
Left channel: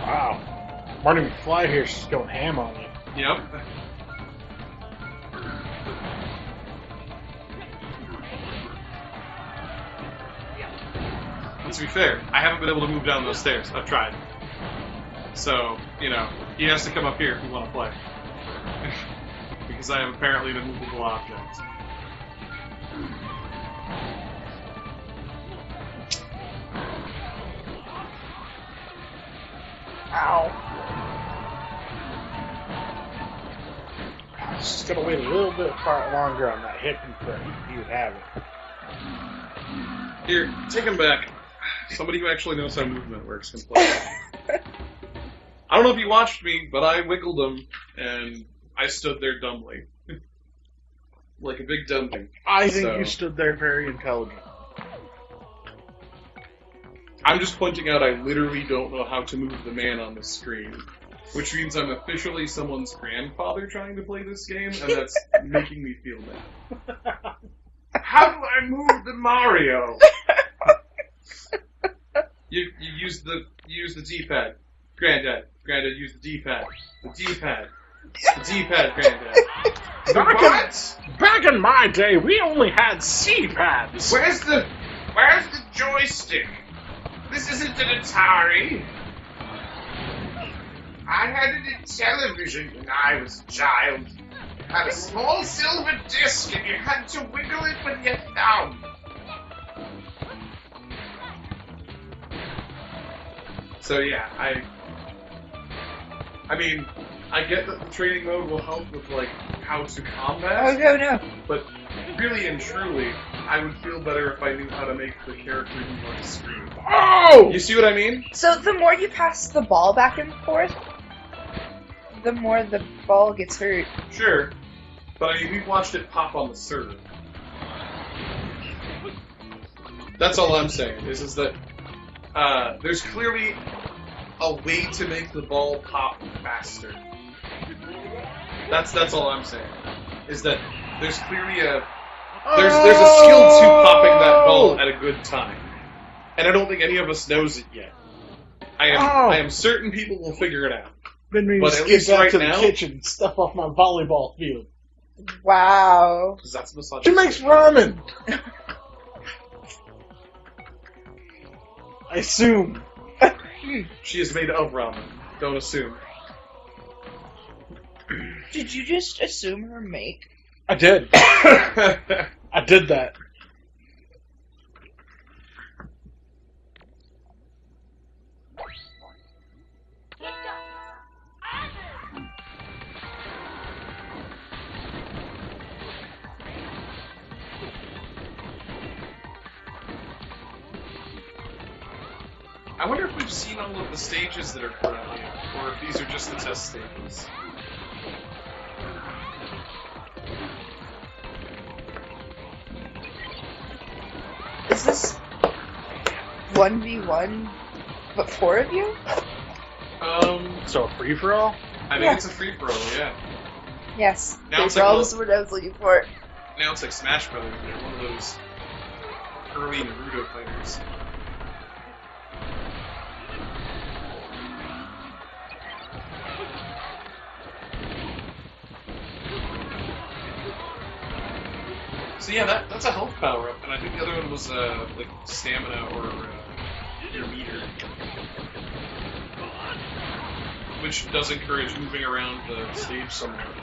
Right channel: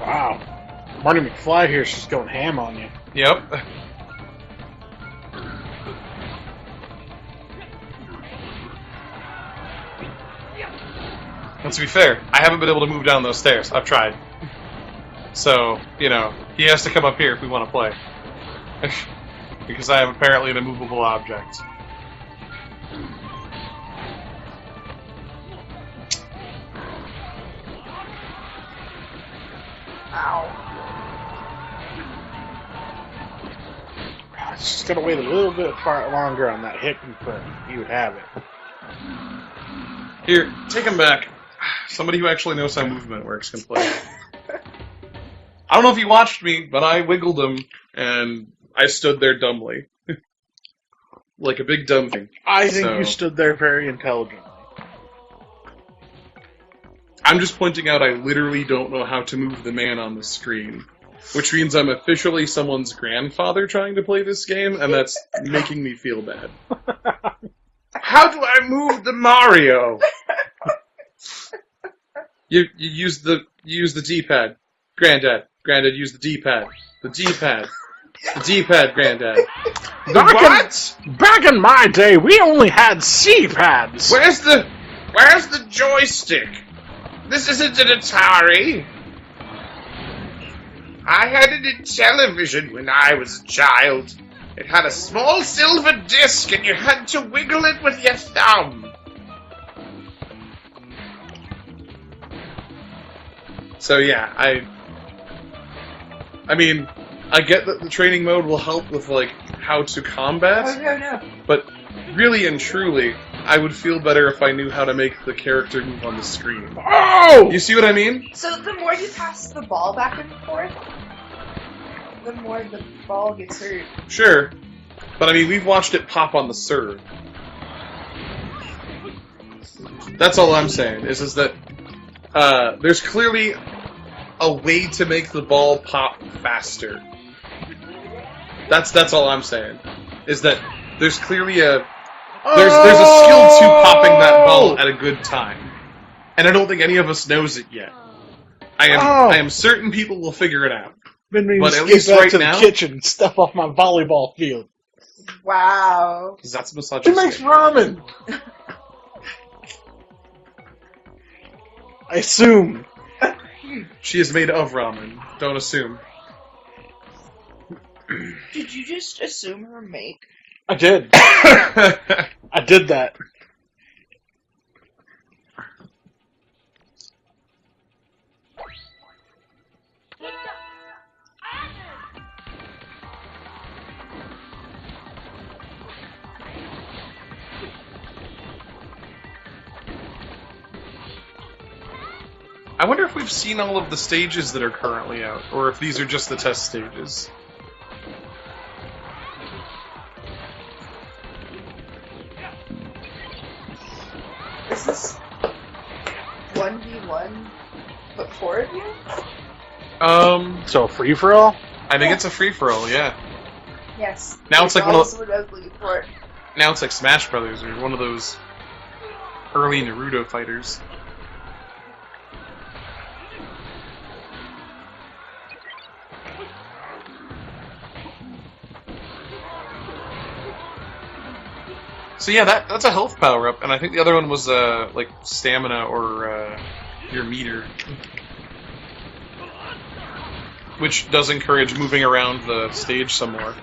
Wow. Marty McFly here's just going ham on you. Yep. Well, to be fair, I haven't been able to move down those stairs. I've tried. So, you know, he has to come up here if we want to play. Because I am apparently an immovable object. Ow. Just gotta wait a little bit far longer on that hit input. You would have it. Here, take him back. Somebody who actually knows how movement works can play. I don't know if you watched me, but I wiggled him, and I stood there dumbly. Like a big dumb thing. I think you stood there very intelligent. I'm just pointing out I literally don't know how to move the man on the screen. Which means I'm officially someone's grandfather trying to play this game, and that's making me feel bad. How do I move the Mario? You use the D-pad. Granddad, use the D-pad. The D-pad. The D-pad, Granddad. Back in my day, we only had C-pads. Where's the joystick? This isn't an Atari. I had it in television when I was a child. It had a small silver disc and you had to wiggle it with your thumb. So yeah, I mean, I get that the training mode will help with, like, how to combat. Oh, no. But really and truly, I would feel better if I knew how to make the character move on the screen. Oh! You see what I mean? So the more you pass the ball back and forth, the more the ball gets hurt. Sure. But I mean, we've watched it pop on the serve. That's all I'm saying, is that there's clearly a way to make the ball pop faster. That's all I'm saying. Is that there's clearly there's a skill to popping that ball at a good time. And I don't think any of us knows it yet. I am certain people will figure it out. Been meaning But to at skip least back right to now- the kitchen and stuff off my volleyball field. Wow. Because that's She misogyny. makes ramen. I assume. She is made of ramen. Don't assume. Did you just assume her mate? I did. I did that. I wonder if we've seen all of the stages that are currently out, or if these are just the test stages. Is this 1v1, but 4 of you? So free for all? I think it's a free-for-all, yeah. Yes. Now it's like one of That's what I was looking for. Now it's like Smash Brothers, or you're one of those early Naruto fighters. So yeah, that's a health power-up, and I think the other one was, like, stamina or, your meter. Which does encourage moving around the stage some more.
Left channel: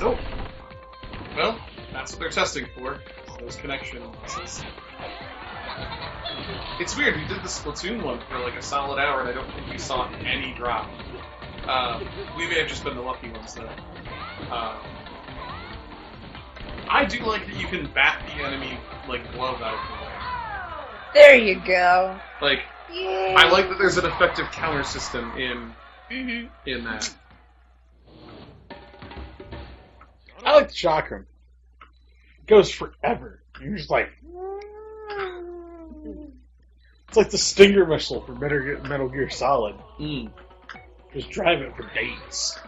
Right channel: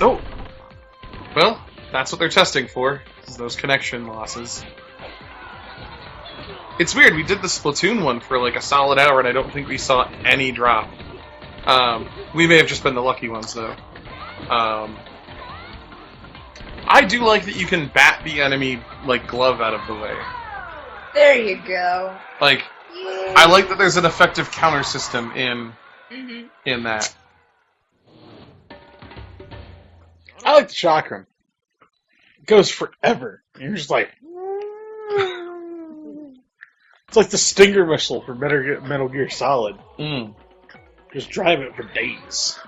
Oh! Well, that's what they're testing for, is those connection losses. It's weird, we did the Splatoon one for like a solid hour and I don't think we saw any drop. We may have just been the lucky ones though. I do like that you can bat the enemy, like, glove out of the way. There you go. Like, Yeah. I like that there's an effective counter system in that. I like the chakram. It goes forever. You're just like... It's like the Stinger missile for Metal Gear Solid. Just drive it for days.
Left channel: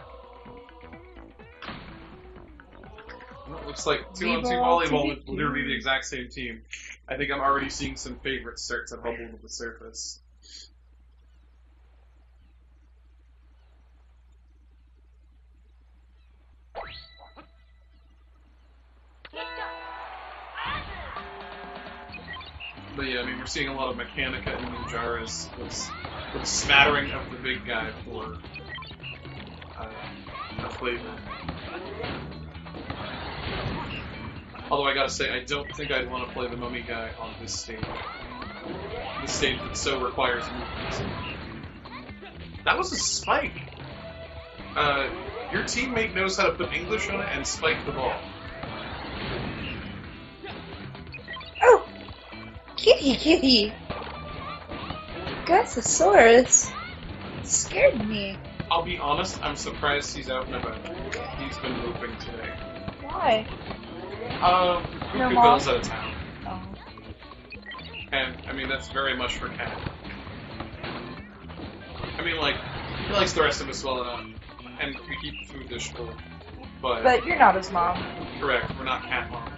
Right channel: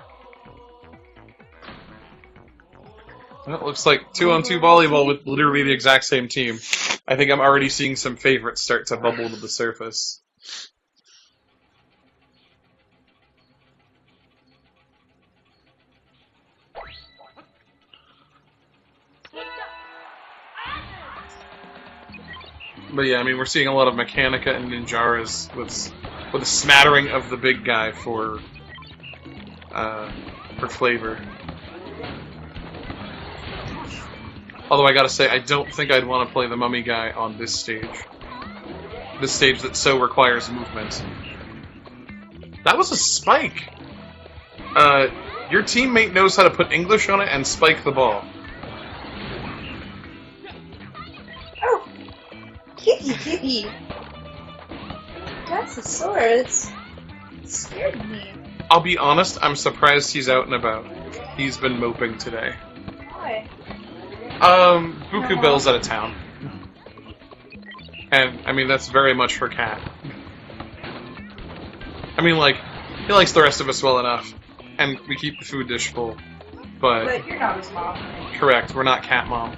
Well, it looks like 2-on-2 volleyball with literally the exact same team. I think I'm already seeing some favorites start to bubble to the surface. But yeah, I mean, we're seeing a lot of Mechanica and Ninjaras with a smattering of the big guy for flavor. Although I gotta say, I don't think I'd want to play the mummy guy on this stage. This stage that so requires movement. That was a spike! Your teammate knows how to put English on it and spike the ball. Oh! Kitty! Gothosaurus scared me. I'll be honest, I'm surprised he's out and about. He's been moping today. Why? Buku Bell's out of town. And, I mean, that's very much for Cat. I mean, like, he likes the rest of us well enough, and we keep the food dish full, But you're not his mom. correct, we're not Cat Mom.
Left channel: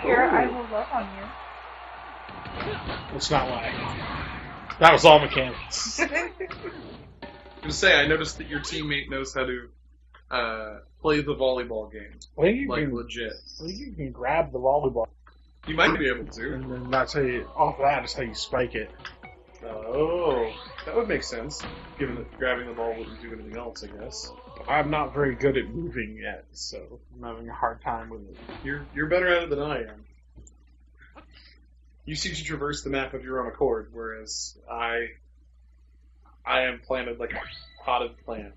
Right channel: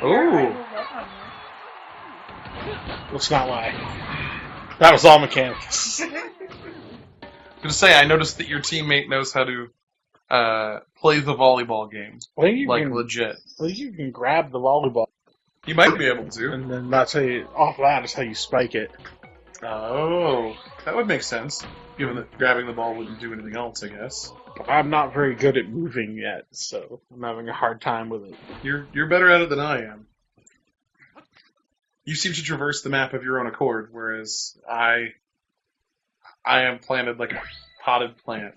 Here, I Ooh. will run on Let's not lie. That was all mechanics. you. To say, I noticed that your teammate knows how to play the volleyball game, I think you like can, legit. I think you can grab the volleyball, You might be able to. and then that's how you, off that is how you spike it. Oh, that would make sense, given that grabbing the ball wouldn't do anything else, I guess. But I'm not very good at moving yet, so I'm having a hard time with it. You're better at it than I am. You seem to traverse the map of your own accord, whereas I am planted like a potted plant.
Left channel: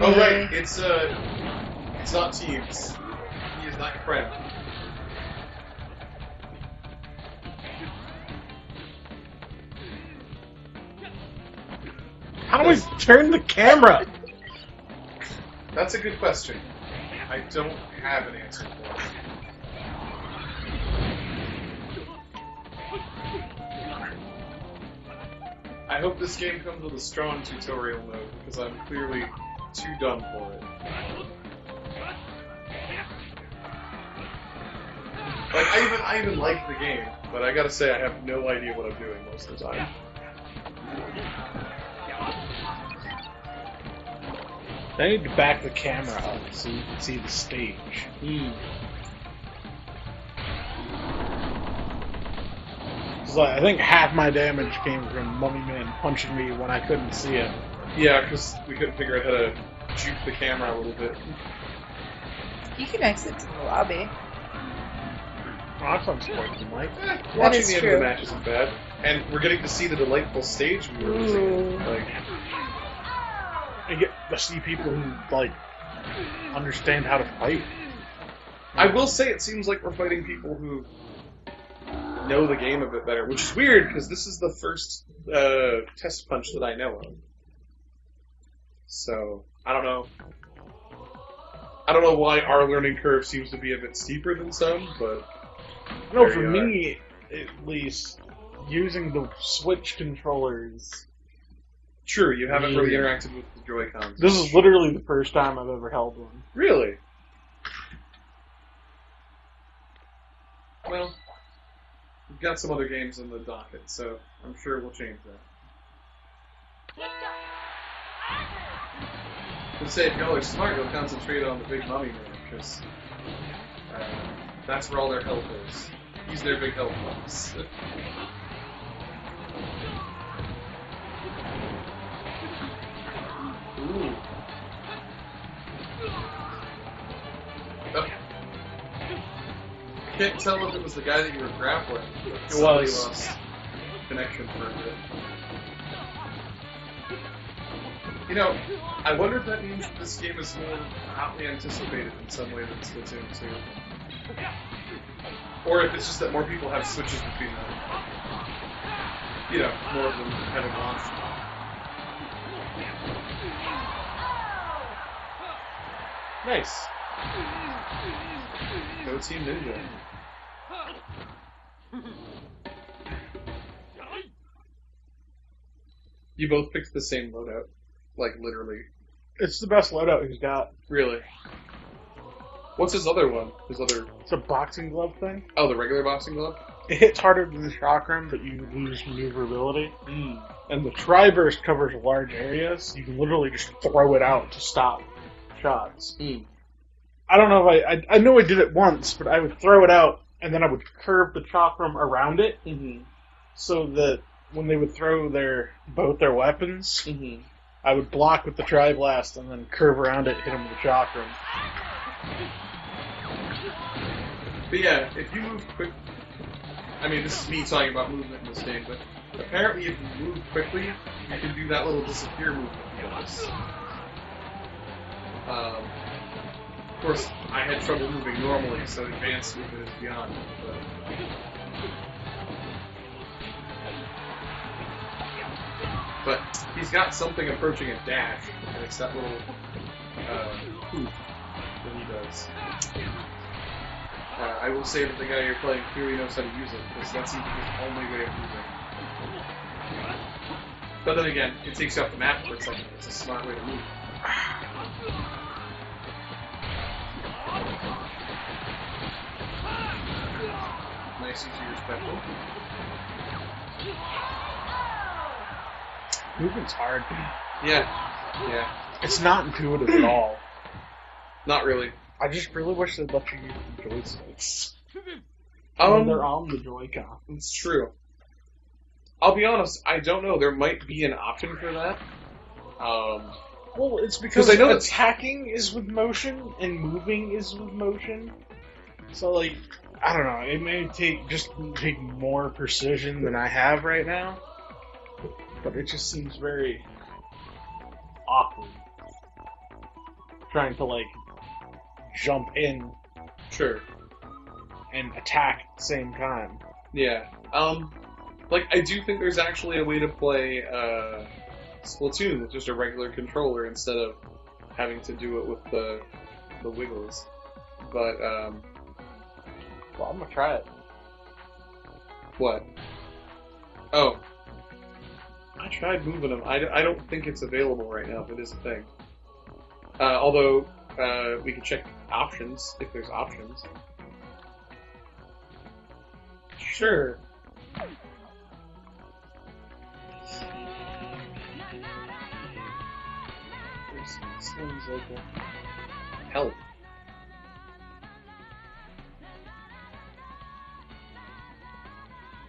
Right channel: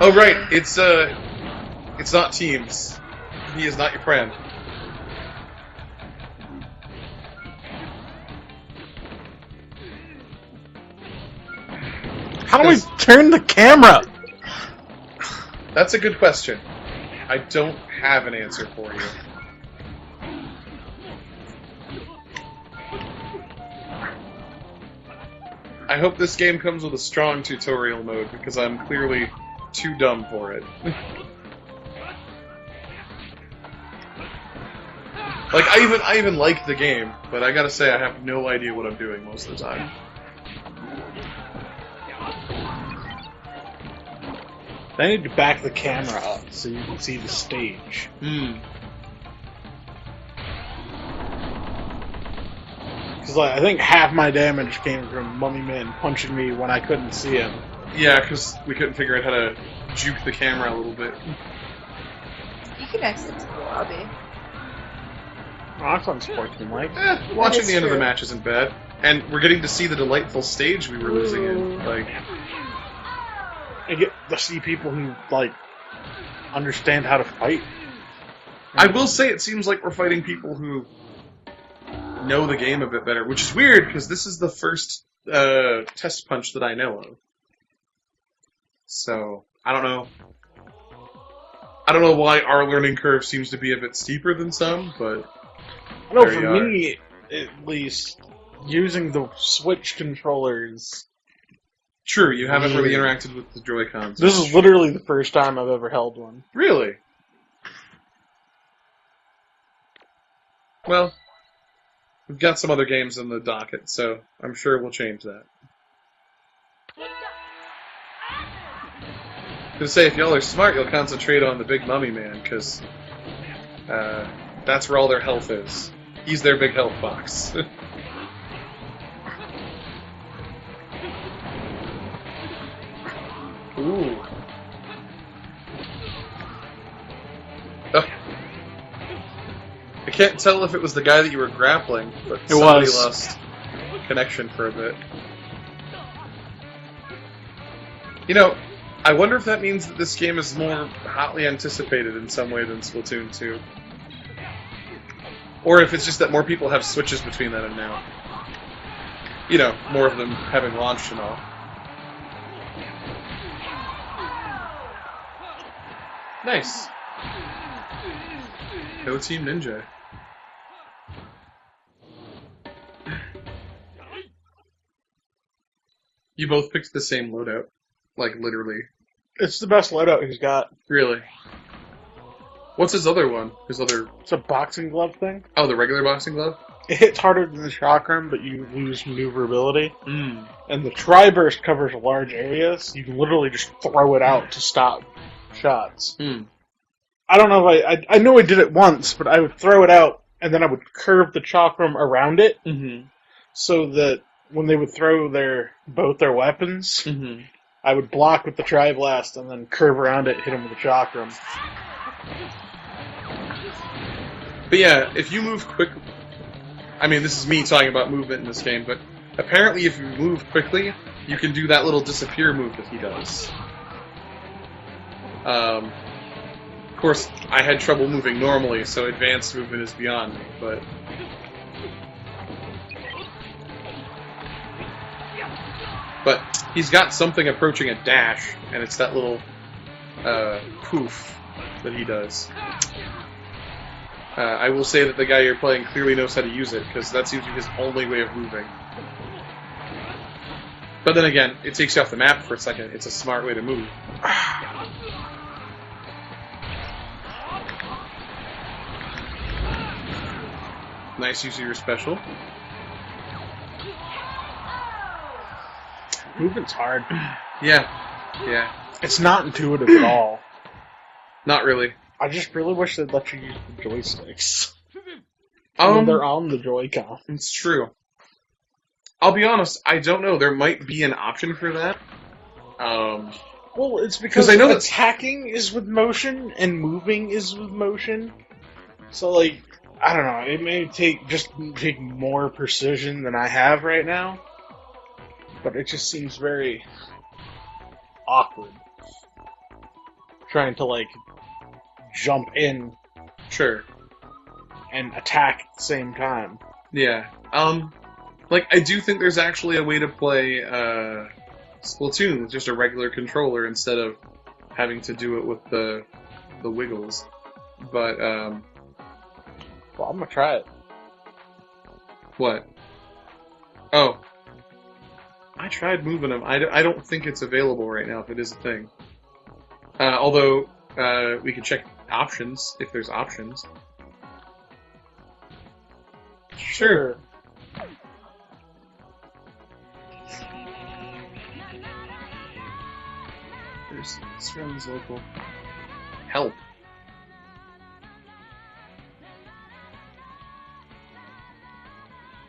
Oh right, it's not teams. He is not your friend. How do we turn the camera? That's a good question. I don't have an answer for you. I hope this game comes with a strong tutorial mode, because I'm clearly too dumb for it. Like, I even like the game, but I gotta say I have no idea what I'm doing most of the time. I need to back the camera up so you can see the stage. Because I think half my damage came from Mummy Man punching me when I couldn't see him. Yeah, because we couldn't figure out how to juke the camera a little bit. You can exit to the lobby. Oh, that sounds quite Mike. Watching is the end of the true. match isn't bad. And we're getting to see the delightful stage we were losing in. Like, I get to see people who, like, understand how to fight. I will say it seems like we're fighting people who know the game a bit better, which is weird because this is the first TestPunch that I know of. So I don't know. I don't know why our learning curve seems to be a bit steeper than some, but I know there for you are. me, at least, using the Switch controllers, true, you haven't really interacted with the Joy-Cons. this is literally the first time I've ever held one. Really? Well, we've got some other games in the docket, so I'm sure we'll change that. I was gonna say, if y'all are smart, you'll concentrate on the big mummy man, because that's where all their health is. He's their big health box. Ooh. Oh. I can't tell if it was the guy that you were grappling, but It somebody was. lost connection for a bit. You know, I wonder if that means that this game is more hotly anticipated in some way than Splatoon 2. Or if it's just that more people have switches between then and now. You know, more of them having launched and all. Nice. No Team Ninja. You both picked the same loadout. Like, literally. It's the best loadout he's got. Really. What's his other one? His other... It's a boxing glove thing. Oh, the regular boxing glove? it hits harder than the chakram, but you lose maneuverability. Mm. And the tri-burst covers large areas. You can literally just throw it out to stop shots. Mm. I don't know if I know I did it once, but I would throw it out, and then I would curve the chakram around it, Mm-hmm. so that when they would throw both their weapons, Mm-hmm. I would block with the tri-blast, and then curve around it, hit them with the chakram. But yeah, if you move quick... I mean, this is me talking about movement in this game, but apparently if you move quickly, you can do that little disappear move that he does. Of course, I had trouble moving normally, so advanced movement is beyond me, but... But he's got something approaching a dash, and it's that little poof that he does. I will say that the guy you're playing clearly knows how to use it, because that seems to be his only way of moving. But then again, it takes you off the map for a second. It's a smart way to move. Nice use of your special. Movement's hard. Yeah. Yeah. It's not intuitive at all. Not really. I just really wish they'd let you use the joysticks. When they're on the Joy-Con. It's true. I'll be honest, I don't know. There might be an option for that. Well, it's because I know attacking is with motion and moving is with motion. So, like, I don't know. It may take more precision than I have right now, but it just seems very awkward trying to like jump in Sure. and attack at the same time. Yeah. Like, I do think there's actually a way to play Splatoon with just a regular controller instead of having to do it with the wiggles. But, Well, I'm gonna try it. what? Oh. I tried moving them. I don't think it's available right now, if it is a thing. Although, we can check options, if there's options. Sure. This one's local. Help.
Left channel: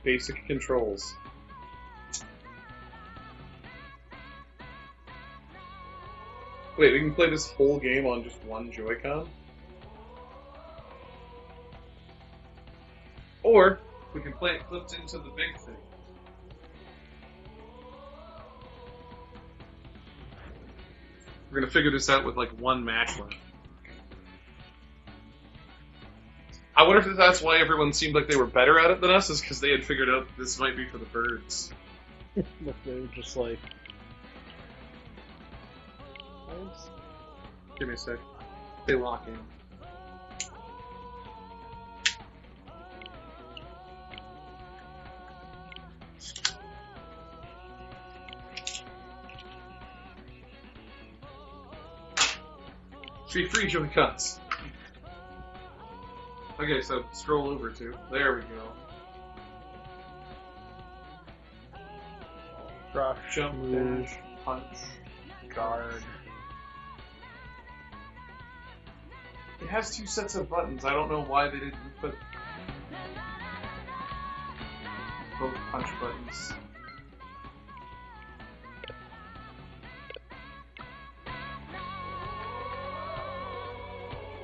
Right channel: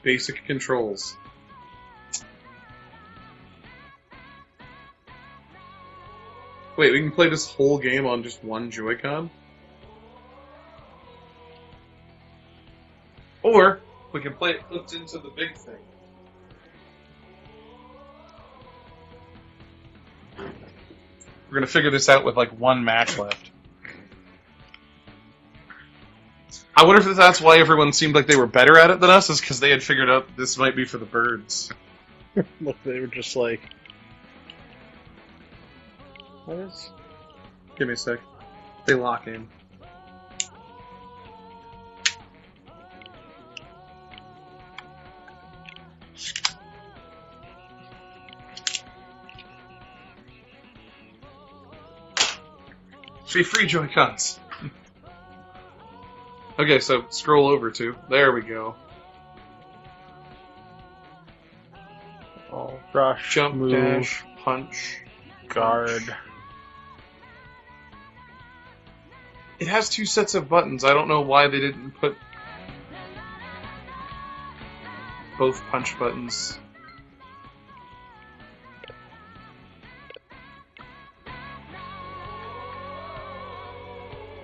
Basic controls. Wait, we can play this whole game on just one Joy-Con? Or, we can play it flipped into the big thing. We're gonna figure this out with like one match left. I wonder if that's why everyone seemed like they were better at it than us, is because they had figured out this might be for the birds. Look, they were just like... What is... Give me a sec. They lock in. Free Joy-Cons. Okay, so scroll over to. There we go. Rush, Jump, move, dash, punch, guard. It has two sets of buttons. I don't know why they didn't put both punch buttons.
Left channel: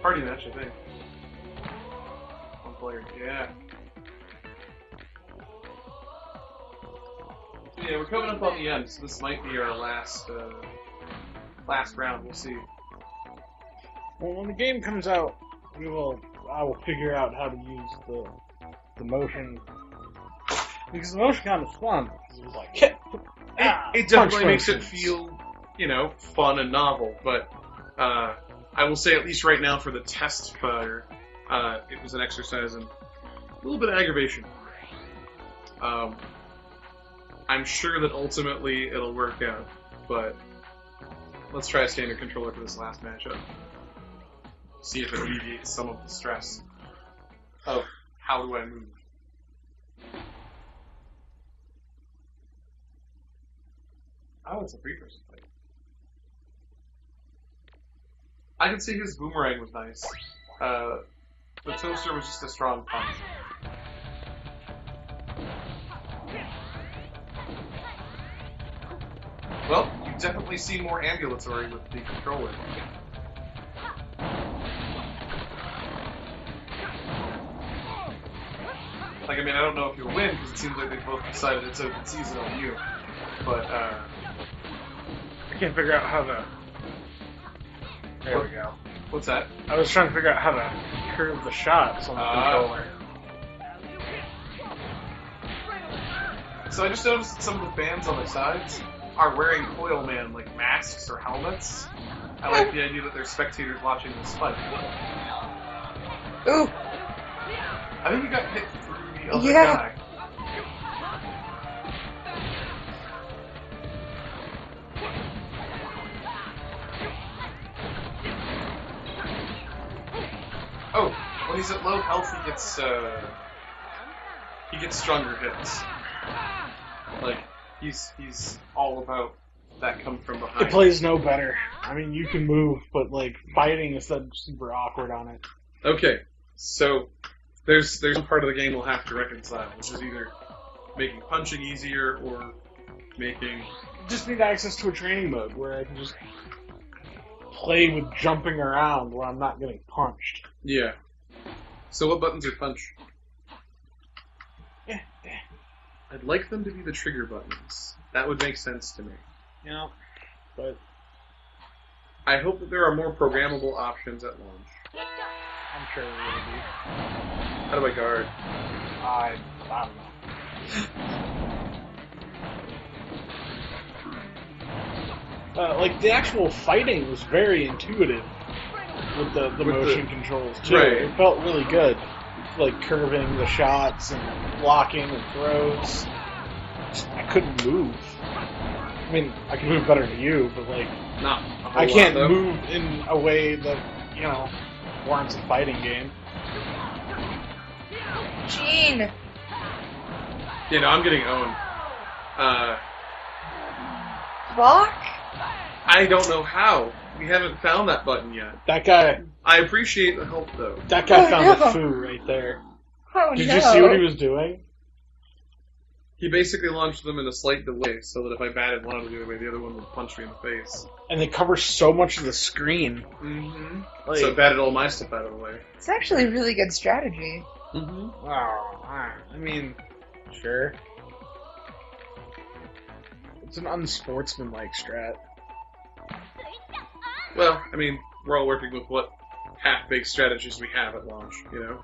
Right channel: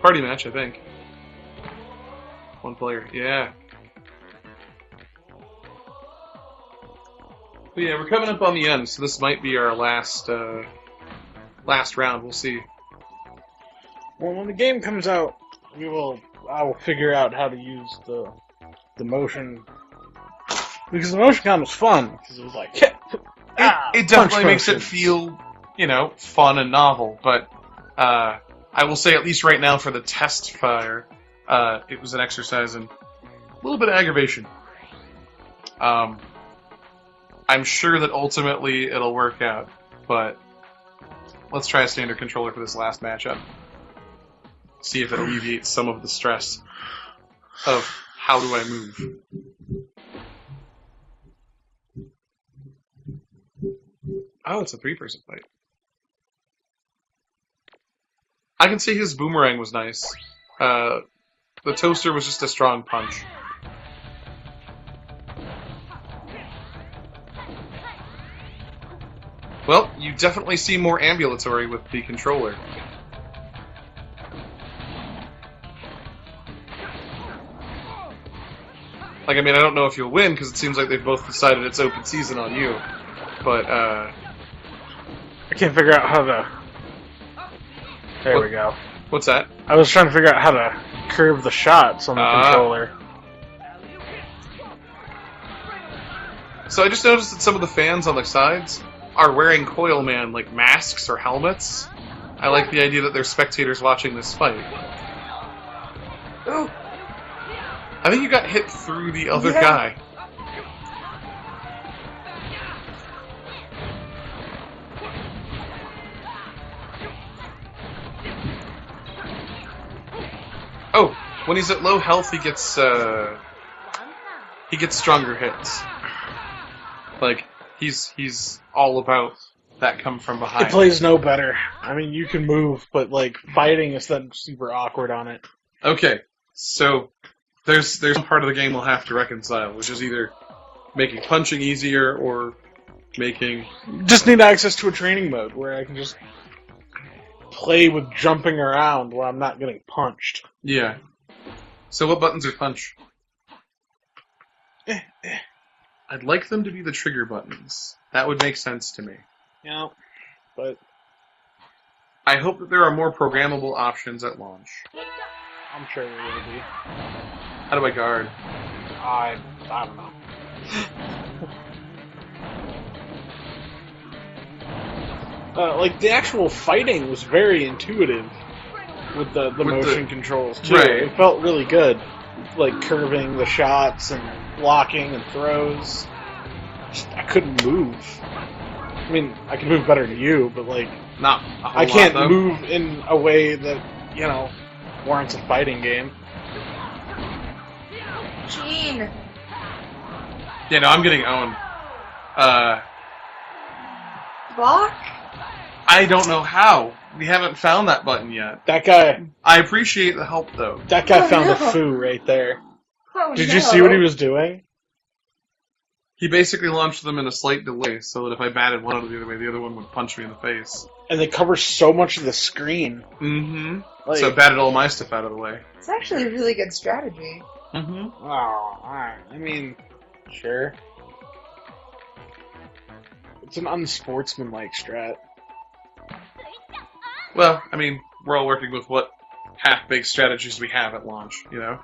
Party match, I think. One player, yeah. So yeah, we're coming up on the end, so this might be our last round. We'll see. Well, when the game comes out, I will figure out how to use the motion, because the motion con was fun, because it was like, hit, It definitely punch makes it motions. feel, fun and novel, but I will say, at least right now for the test fire, it was an exercise in a little bit of aggravation. I'm sure that ultimately it'll work out, but let's try a standard controller for this last matchup. See if it alleviates some of the stress of how do I move. Oh, it's a 3-person fight. I can see his boomerang was nice. The toaster was just a strong punch. Well, you definitely seem more ambulatory with the controller. Like, I mean, I don't know if you'll win, because it seems like they've both decided it's open season on you. But, I can't figure out how to... There we go. What's that? I was trying to figure out how to curve the shots on the controller. So I just noticed that some of the fans on the sides are wearing Coil Man, like, masks or helmets. I like the idea that they're spectators watching this fight. Oh! I think you got hit through the other guy. Oh, when he's at low health, he gets stronger hits. Like, he's all about that come from behind. It plays no better. I mean, you can move, but, like, fighting is then super awkward on it. Okay, so there's one part of the game we'll have to reconcile, which is either making punching easier or making... Just need access to a training mode where I can just play with jumping around when I'm not getting punched. Yeah. So what buttons are punch? I'd like them to be the trigger buttons. That would make sense to me. Yeah, but... I hope that there are more programmable options at launch. I'm sure there will be. How do I guard? I don't know. Like, the actual fighting was very intuitive with the motion controls, too. Right. It felt really good. Like, curving the shots and blocking and throws. I couldn't move. I mean, I can move better than you, but, like... Not a whole I can't lot, though. move in a way that, you know, warrants a fighting game. Gene! Yeah, no, I'm getting owned. Block? I don't know how. We haven't found that button yet. That guy I appreciate the help, though. found the no. foo right there. Oh, Did no. you see what he was doing? He basically launched them in a slight delay, so that if I batted one out of the other way, the other one would punch me in the face. And they cover so much of the screen. Mm-hmm. Like, So I batted all my stuff out of the way. It's actually a really good strategy. Mm-hmm. oh, I mean, sure. It's an unsportsmanlike strat. Well, I mean, we're all working with what half-baked strategies we have at launch, you know?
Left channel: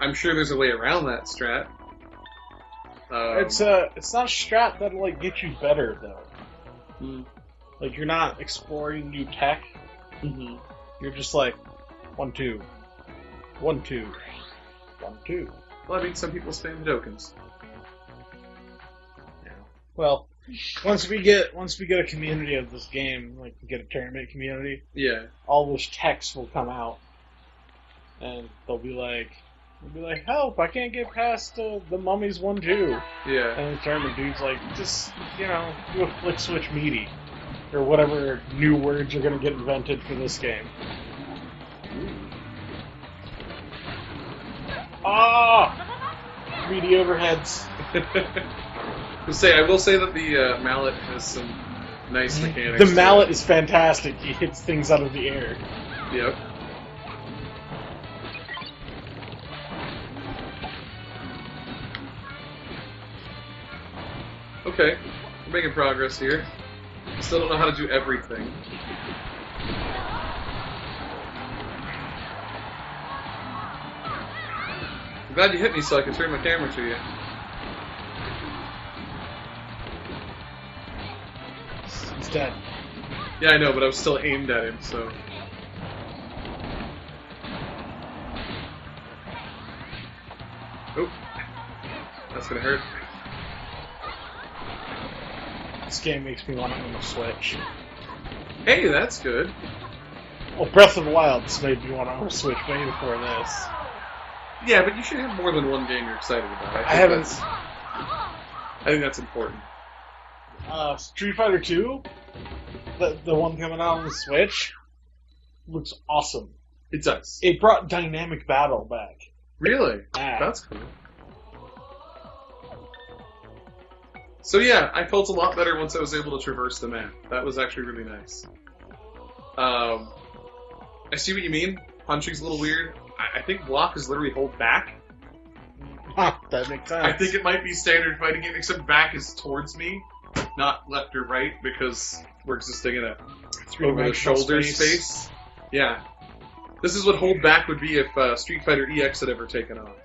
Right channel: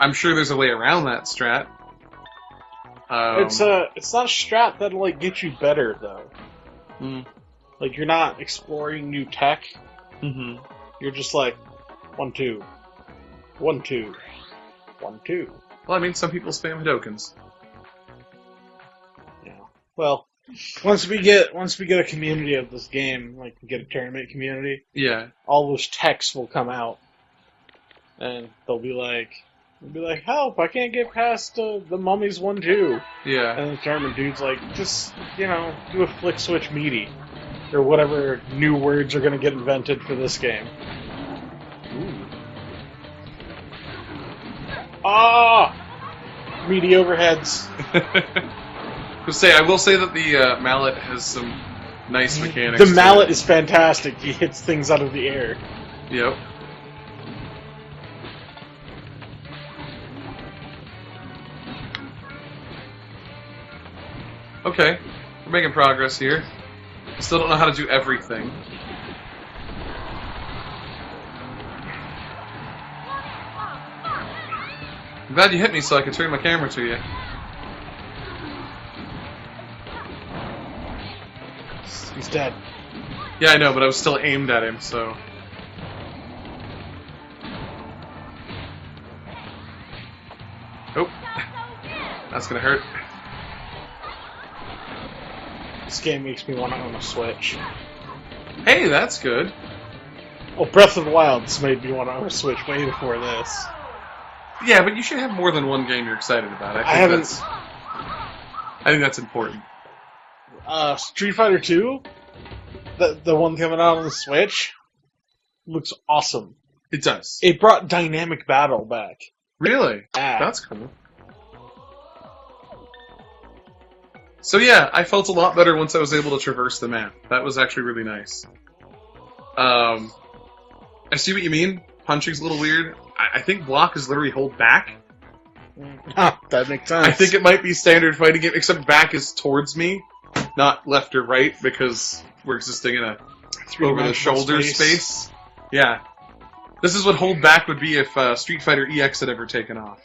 I'm sure there's a way around that strat. It's not a strat that'll, like, get you better, though. Mm. Like, you're not exploring new tech. Mm-hmm. You're just like, 1, 2. 1, 2. 1, 2. Well, I mean, some people spam Hadokens. Yeah. Well, once we get a community of this game, like we get a tournament community, Yeah. all those techs will come out, and they'll be like, help! I can't get past the mummies 1, 2. Yeah. And the tournament dude's like, just do a flick switch meaty, or whatever new words are gonna get invented for this game. Ah! Meaty overheads. I will say that the mallet has some nice mechanics. The to mallet it. is fantastic. He hits things out of the air. Yep. Okay, we're making progress here. Still don't know how to do everything. I'm glad you hit me so I could turn my camera to you. He's dead. Yeah, I know, but I was still aimed at him, so... Oh. That's gonna hurt. This game makes me want to own a Switch. Hey, that's good. Well, Breath of the Wild's made me want to own a Switch way before this. Yeah, but you should have more than one game you're excited about. I haven't. I think that's important. Street Fighter 2, the one coming out on the Switch, looks awesome. It does. It brought dynamic battle back. Really? Ah. That's cool. So yeah, I felt a lot better once I was able to traverse the map. That was actually really nice. I see what you mean. Punching's a little weird. I think block is literally hold back. Huh, that makes sense. I think it might be standard fighting game, except back is towards me, not left or right, because we're existing in a over-the-shoulder space. Yeah. This is what hold back would be if Street Fighter EX had ever taken off.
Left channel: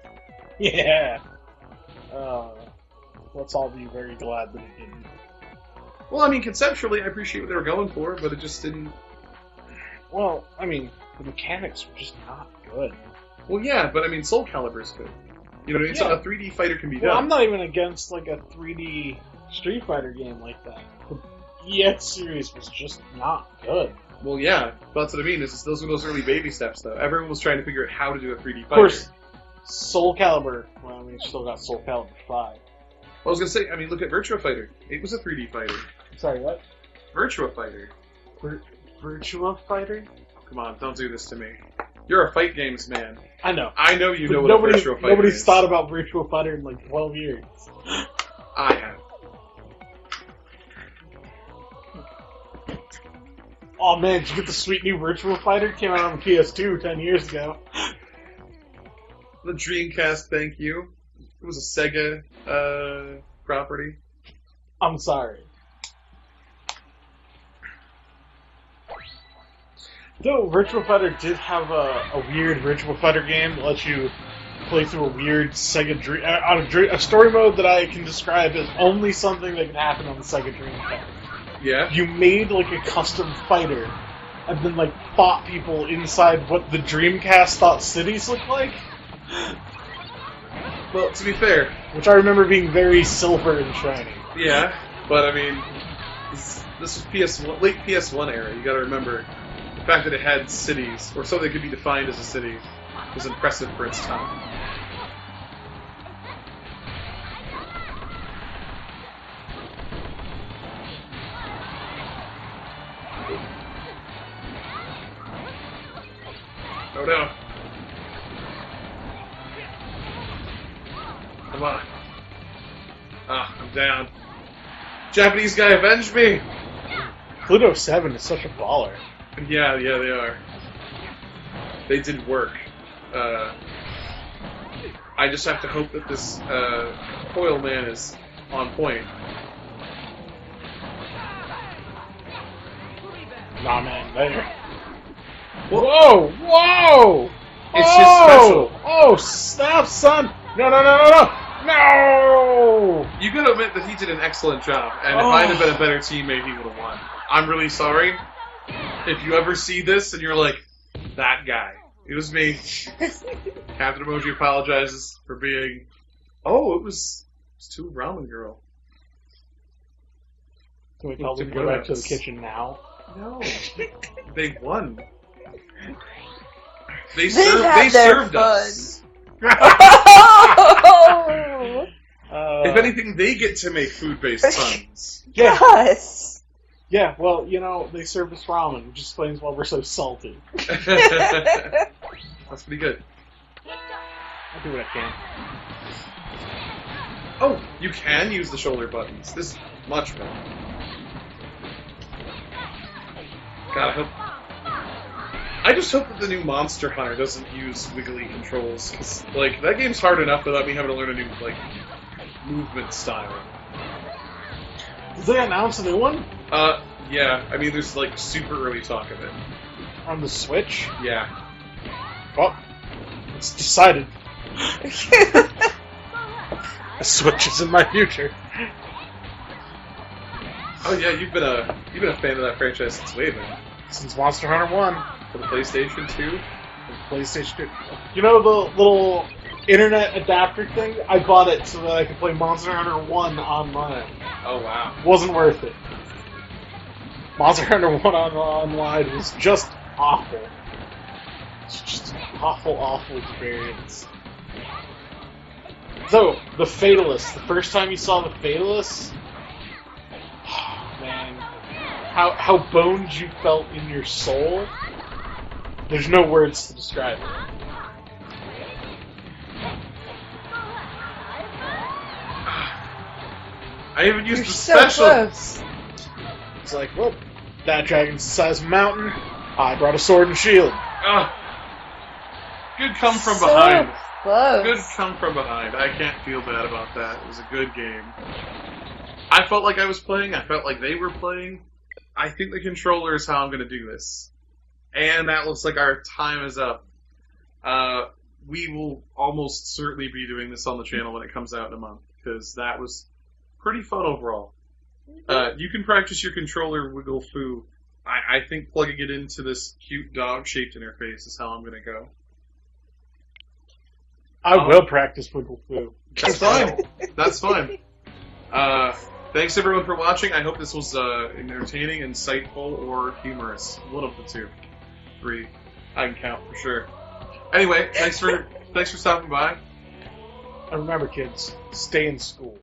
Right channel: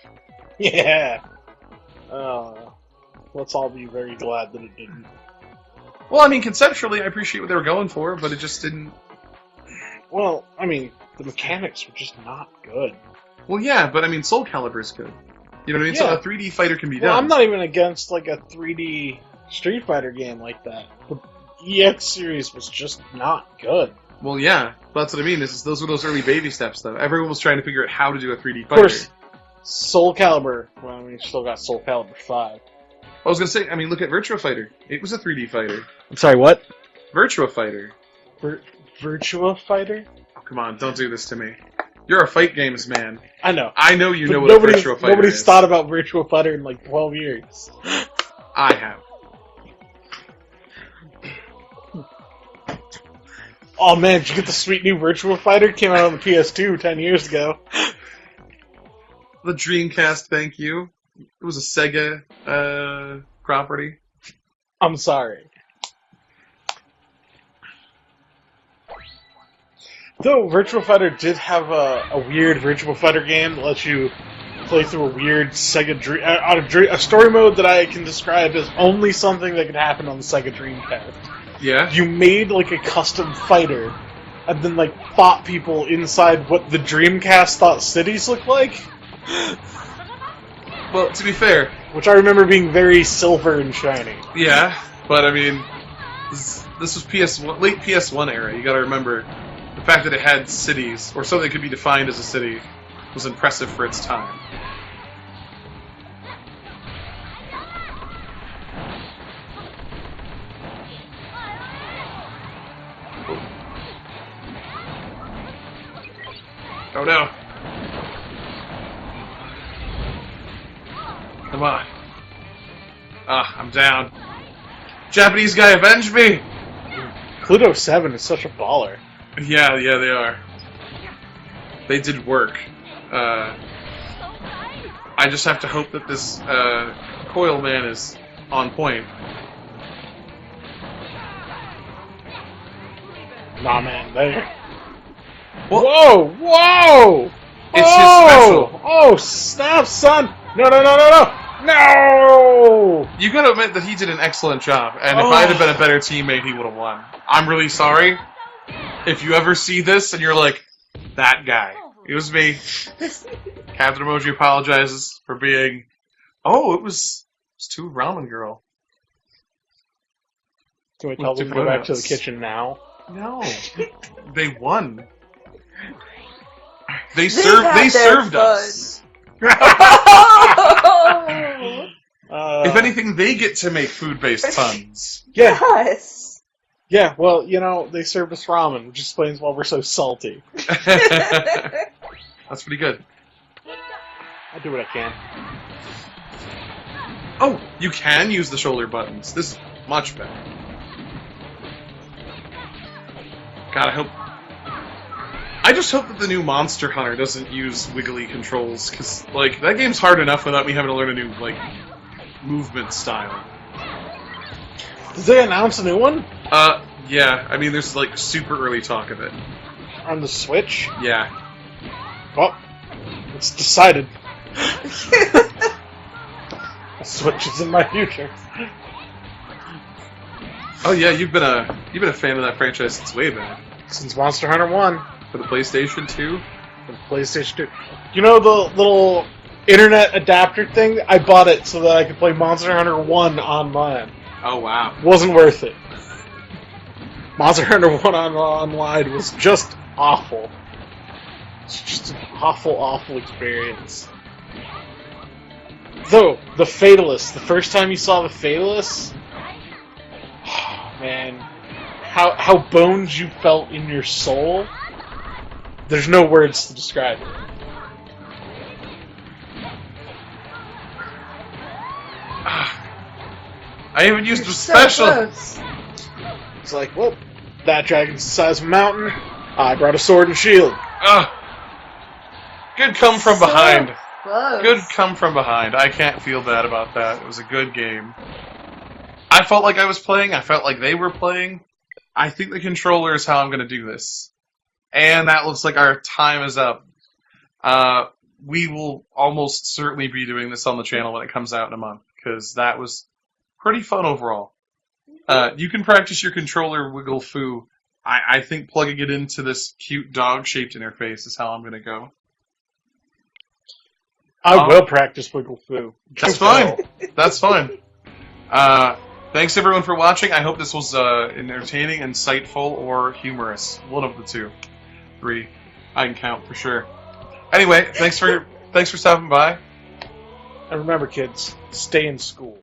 Yeah. Let's all be very glad that it didn't. Well, I mean, conceptually, I appreciate what they were going for, but it just didn't... Well, I mean, the mechanics were just not good. Well, yeah, but I mean, Soul Calibur is good. You know what I mean? Yeah. So a 3D fighter can be Well, done. I'm not even against like a 3D Street Fighter game like that. The EX series was just not good. Well, yeah, that's what I mean. Those were those early baby steps, though. Everyone was trying to figure out how to do a 3D fighter. Of course, Soul Calibur. Well, I mean, you still got Soul Calibur 5. I was gonna say, I mean, look at Virtua Fighter. It was a 3D fighter. I'm sorry, what? Virtua Fighter. Virtua Fighter? Oh, come on, don't do this to me. You're a fight games man. I know. I know you know But what a Virtua Fighter nobody's is. thought about Virtua Fighter in like 12 years. I have. Oh man, did you get the sweet new Virtua Fighter? Came out on the PS2 10 years ago. The Dreamcast, thank you. It was a Sega property. I'm sorry. Though Virtua Fighter did have a weird Virtua Fighter game that lets you play through a weird Sega a story mode that I can describe as only something that could happen on the Sega Dreamcast. Yeah? You made like a custom fighter, and then like fought people inside what the Dreamcast thought cities looked like. Well, to be fair, Which I remember being very silver and shiny. yeah, but I mean, this was PS1, late PS1 era. You gotta remember, the fact that it had cities, or something that could be defined as a city, was impressive for its time. Oh no. Come on. Ah, I'm down. Japanese guy, avenge me! Pluto 7 is such a baller. Yeah, they are. They did work. I just have to hope that this coil man is on point. Nah, man. They... Well, Whoa! Whoa! It's his special. Oh, snap, son! No! No! you gotta admit that he did an excellent job, and if I'd have been a better teammate, he would have won. I'm really sorry. If you ever see this and you're like, that guy. It was me. CptEmoji apologizes for being... Oh, it was too ramen girl. Can we tell them to go back to the kitchen now? No. They won. They had their served fun. us. Oh! If anything, they get to make food-based puns. Yeah, Yes! yeah. Well, you know, they served us ramen, which explains why we're so salty. That's pretty good. I do what I can. Oh, you can use the shoulder buttons. This is much better. Gotta hope. I just hope that the new Monster Hunter doesn't use wiggly controls, because, like, that game's hard enough without me having to learn a new, like, movement style. Did they announce a new one? Yeah. I mean, there's, like, super early talk of it. On the Switch? Yeah. Well, it's decided. The Switch is in my future. Oh yeah, you've been a fan of that franchise since way back. Since Monster Hunter 1. For the PlayStation 2? The PlayStation 2. You know the little internet adapter thing? I bought it so that I could play Monster Hunter 1 online. Oh wow. Wasn't worth it. Monster Hunter 1 online was just awful. It's just an awful experience. Though, the Fatalist, the first time you saw the Fatalist, how boned you felt in your soul. There's no words to describe it. I even used You're the so special. close. It's like, well, that dragon's the size of a mountain. I brought a sword and shield. Good come from So behind. Close. Good come from behind. I can't feel bad about that. It was a good game. I felt like I was playing. I felt like they were playing. I think the controller is how I'm going to do this. And that looks like our time is up. We will almost certainly be doing this on the channel when it comes out in a month, because that was pretty fun overall. You can practice your controller wiggle foo. I think plugging it into this cute dog-shaped interface is how I'm going to go. I will practice wiggle foo. That's fine. That's fine. Thanks everyone for watching. I hope this was entertaining, insightful, or humorous. One of the two. 3. I can count for sure. Anyway, thanks for stopping by. And remember, kids, stay in school.